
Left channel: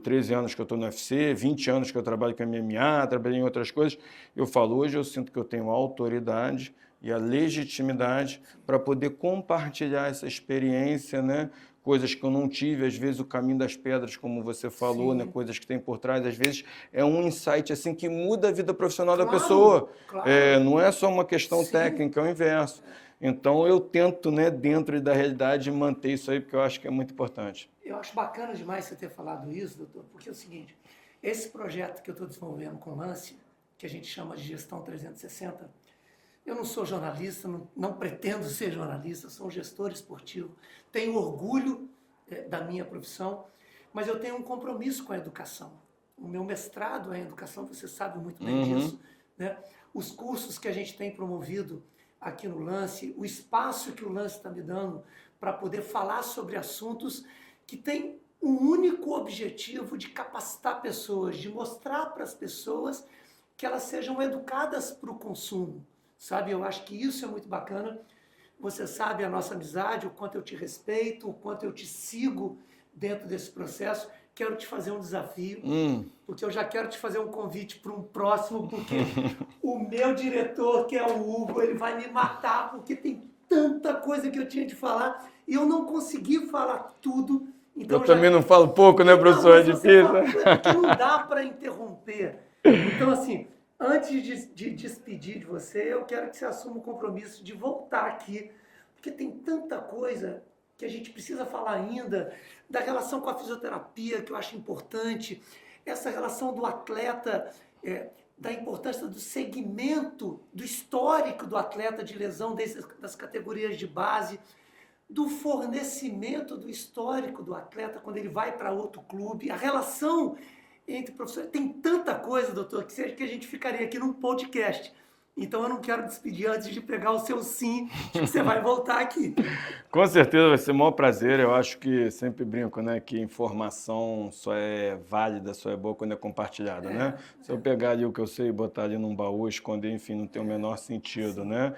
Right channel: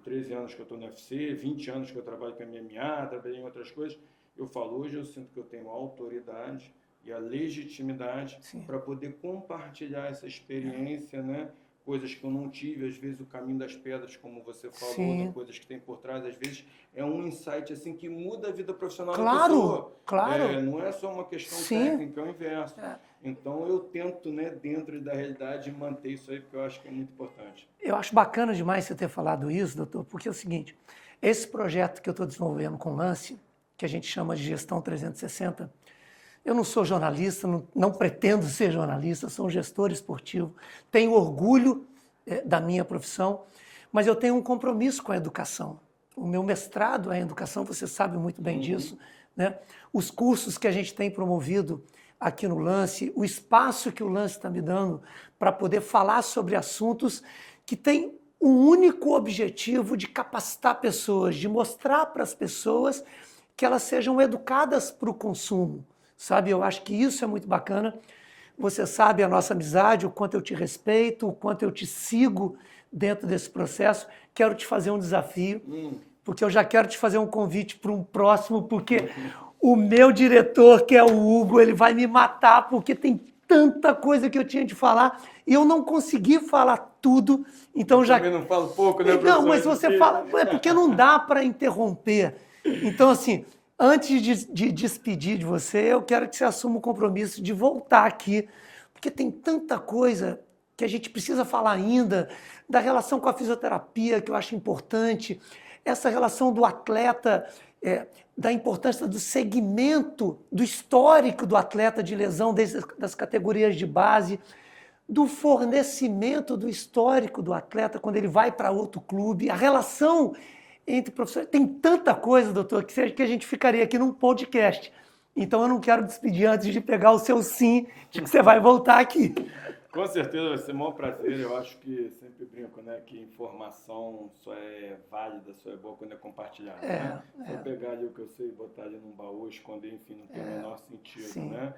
13 anos que eu estou no UFC, 20 anos que eu trabalho com MMA, trabalhei em outras coisas. Eu falo, hoje eu sinto que eu tenho a autoridade e a legitimidade para poder compartilhar essa experiência, né? Coisas que eu não tive, às vezes o caminho das pedras, como você falou, né? Coisas que tem por trás, às vezes é um insight assim que muda a vida profissional da pessoa. Não é só uma questão técnica, é o inverso. Então eu tento, né, dentro da realidade, manter isso aí, porque eu acho que é muito importante. Eu acho bacana demais você ter falado isso, doutor, porque é o seguinte, esse projeto que eu estou desenvolvendo com o Lance, que a gente chama de Gestão 360, eu não sou jornalista, não pretendo ser jornalista, sou um gestor esportivo, tenho orgulho da minha profissão, mas eu tenho um compromisso com a educação. O meu mestrado é em educação, você sabe muito bem disso, né? Os cursos que a gente tem promovido aqui no Lance, o espaço que o Lance está me dando para poder falar sobre assuntos que têm o único objetivo de capacitar pessoas, de mostrar para as pessoas que elas sejam educadas para o consumo, sabe? Eu acho que isso é muito bacana. Você sabe a nossa amizade, o quanto eu te respeito, o quanto eu te sigo dentro desse processo. Quero te fazer um desafio, porque eu já quero te fazer um convite para um próximo, porque o meu diretor, que é o Hugo, ele vai me matar, porque tem tanta coisa que eu tinha de falar e eu não consegui falar tudo. Então eu também não falo pouco, né, professor? Não, mas você fala, é porque não dá para interromper. Então, assim, antes de despedir de você, eu quero que você assuma o compromisso de voltar aqui, porque tem tanta coisa que a gente precisa falar ainda, da relação com a fisioterapia, que eu acho importante, essa relação do atleta, da importância do segmento, do histórico do atleta de lesão, das categorias de base, do fornecimento do histórico do atleta quando ele vai para outro clube, a relação entre professores. Tem tanta coisa, doutor, que a gente ficaria aqui num podcast. Então eu não quero despedir antes de pegar o seu sim, de que você vai voltar aqui. Com certeza vai ser o maior prazer. Eu acho que sempre brinco, né, que informação só é válida, só é boa quando é compartilhada, né? Se eu pegar ali o que eu sei e botar ali num baú, esconder, enfim, não tem o menor sentido, né?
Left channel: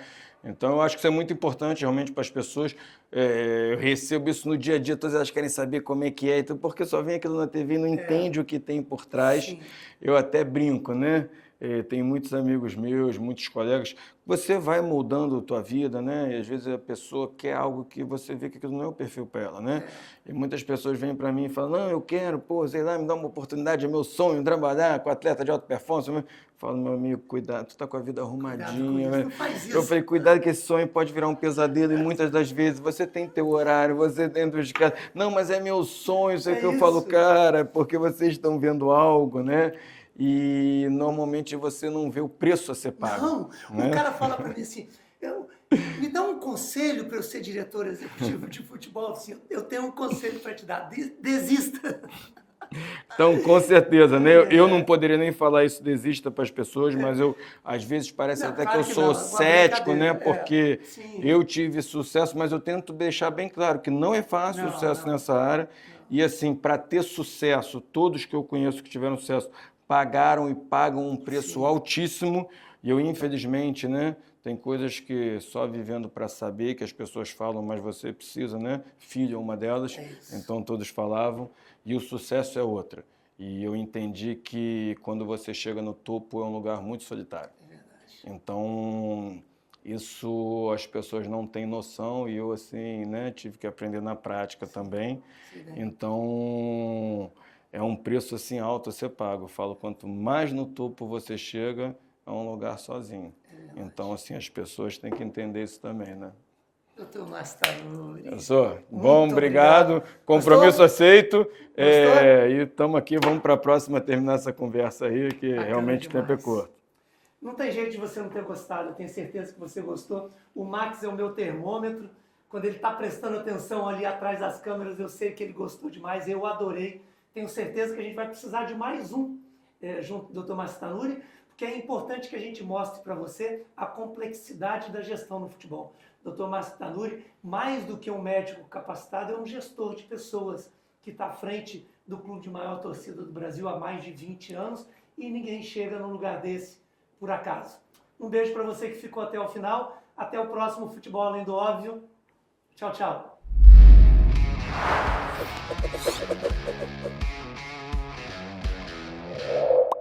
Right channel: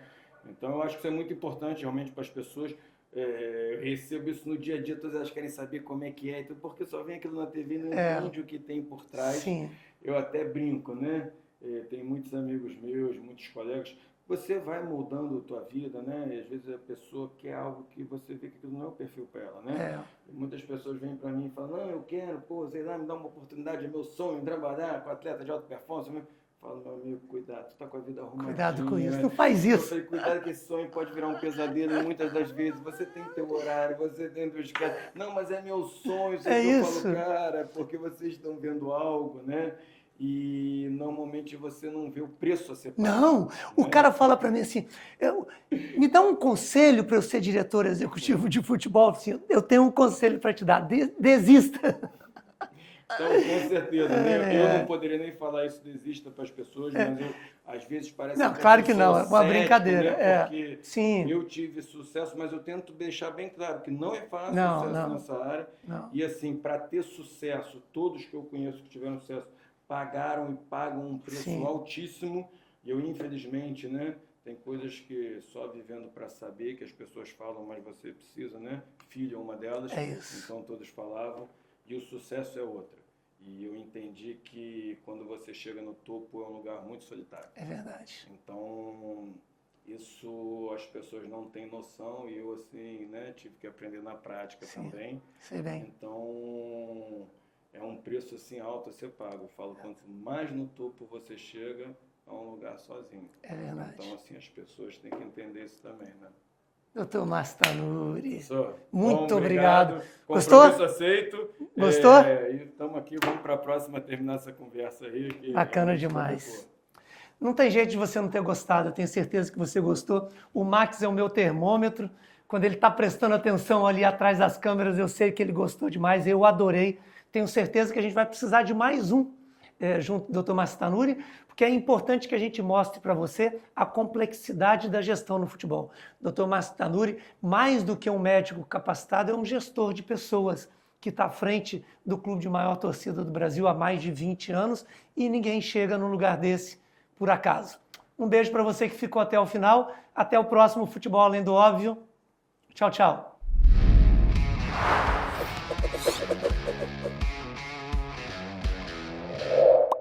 Então, eu acho que isso é muito importante realmente para as pessoas. Eu recebo isso no dia a dia, todas elas querem saber como é que é, então, porque só vem aquilo na TV e não entende o que tem por trás. Sim. Eu até brinco, né? Tem muitos amigos meus, muitos colegas. Você vai moldando a tua vida, né? E às vezes a pessoa quer algo que você vê que aquilo não é o perfil para ela, né? E muitas pessoas vêm para mim e falam, não, eu quero, pô, sei lá, me dá uma oportunidade, é meu sonho, trabalhar com atleta de alta performance. Eu falo, meu amigo, cuidado, tu tá com a vida arrumadinha. Cuidado com isso, né? não faz isso. Eu falei, cuidado que esse sonho pode virar um pesadelo e muitas das vezes você tem teu horário, você dentro de casa. Não, mas é meu sonho, sei que eu falo, cara, porque vocês estão vendo algo, né? E normalmente você não vê o preço a ser pago. Não, né? O cara fala para mim assim, me dá um conselho para eu ser diretor executivo de futebol. Assim, eu tenho um conselho para te dar, desista. Então, com certeza, né? Eu não poderia nem falar isso, desista para as pessoas, mas eu, às vezes, parece Não, até claro que eu que sou não, é uma cético, né? brincadeira, Porque Sim. eu tive sucesso, mas eu tento deixar bem claro que não é fácil o sucesso nessa área. Não. E, assim, para ter sucesso, todos que eu conheço que tiveram sucesso pagaram e pagam um preço altíssimo. E eu, infelizmente, né? Tem coisas que só vivendo para saber, que as pessoas falam, mas você precisa, né? Filho é uma delas. É isso. Então, todos falavam. E o sucesso é outra. E eu entendi que quando você chega no topo é um lugar muito solitário. É verdade. Então, isso as pessoas não têm noção e eu, assim, né, tive que aprender na prática também. Sei bem. Então, é um preço, assim, alto a ser pago. Eu falo, quanto mais no topo você chega, é um lugar sozinho. É verdade. Então, assim, as pessoas têm que entender isso também, né? Doutor Márcio Tanuri. Professor, Muito bom, obrigado. Compromisso Gostou? aceito. Gostou? E estamos aqui, vamos para a próxima terminar essa conversa aí, que Bacana realmente o tempo é demais. curto. Não tem jeito de você não ter gostado, eu tenho certeza que você gostou. O Max é o meu termômetro. Quando ele está prestando atenção ali atrás das câmeras, eu sei que ele gostou demais, eu adorei. Tenho certeza que a gente vai precisar de mais um junto do Dr. Márcio Tanuri, porque é importante que a gente mostre para você a complexidade da gestão no futebol. O Dr. Márcio Tanuri, mais do que um médico capacitado, é um gestor de pessoas que está à frente do clube de maior torcida do Brasil há mais de 20 anos e ninguém chega num lugar desse por acaso. Um beijo para você que ficou até o final. Até o próximo Futebol Além do Óbvio. Tchau, tchau.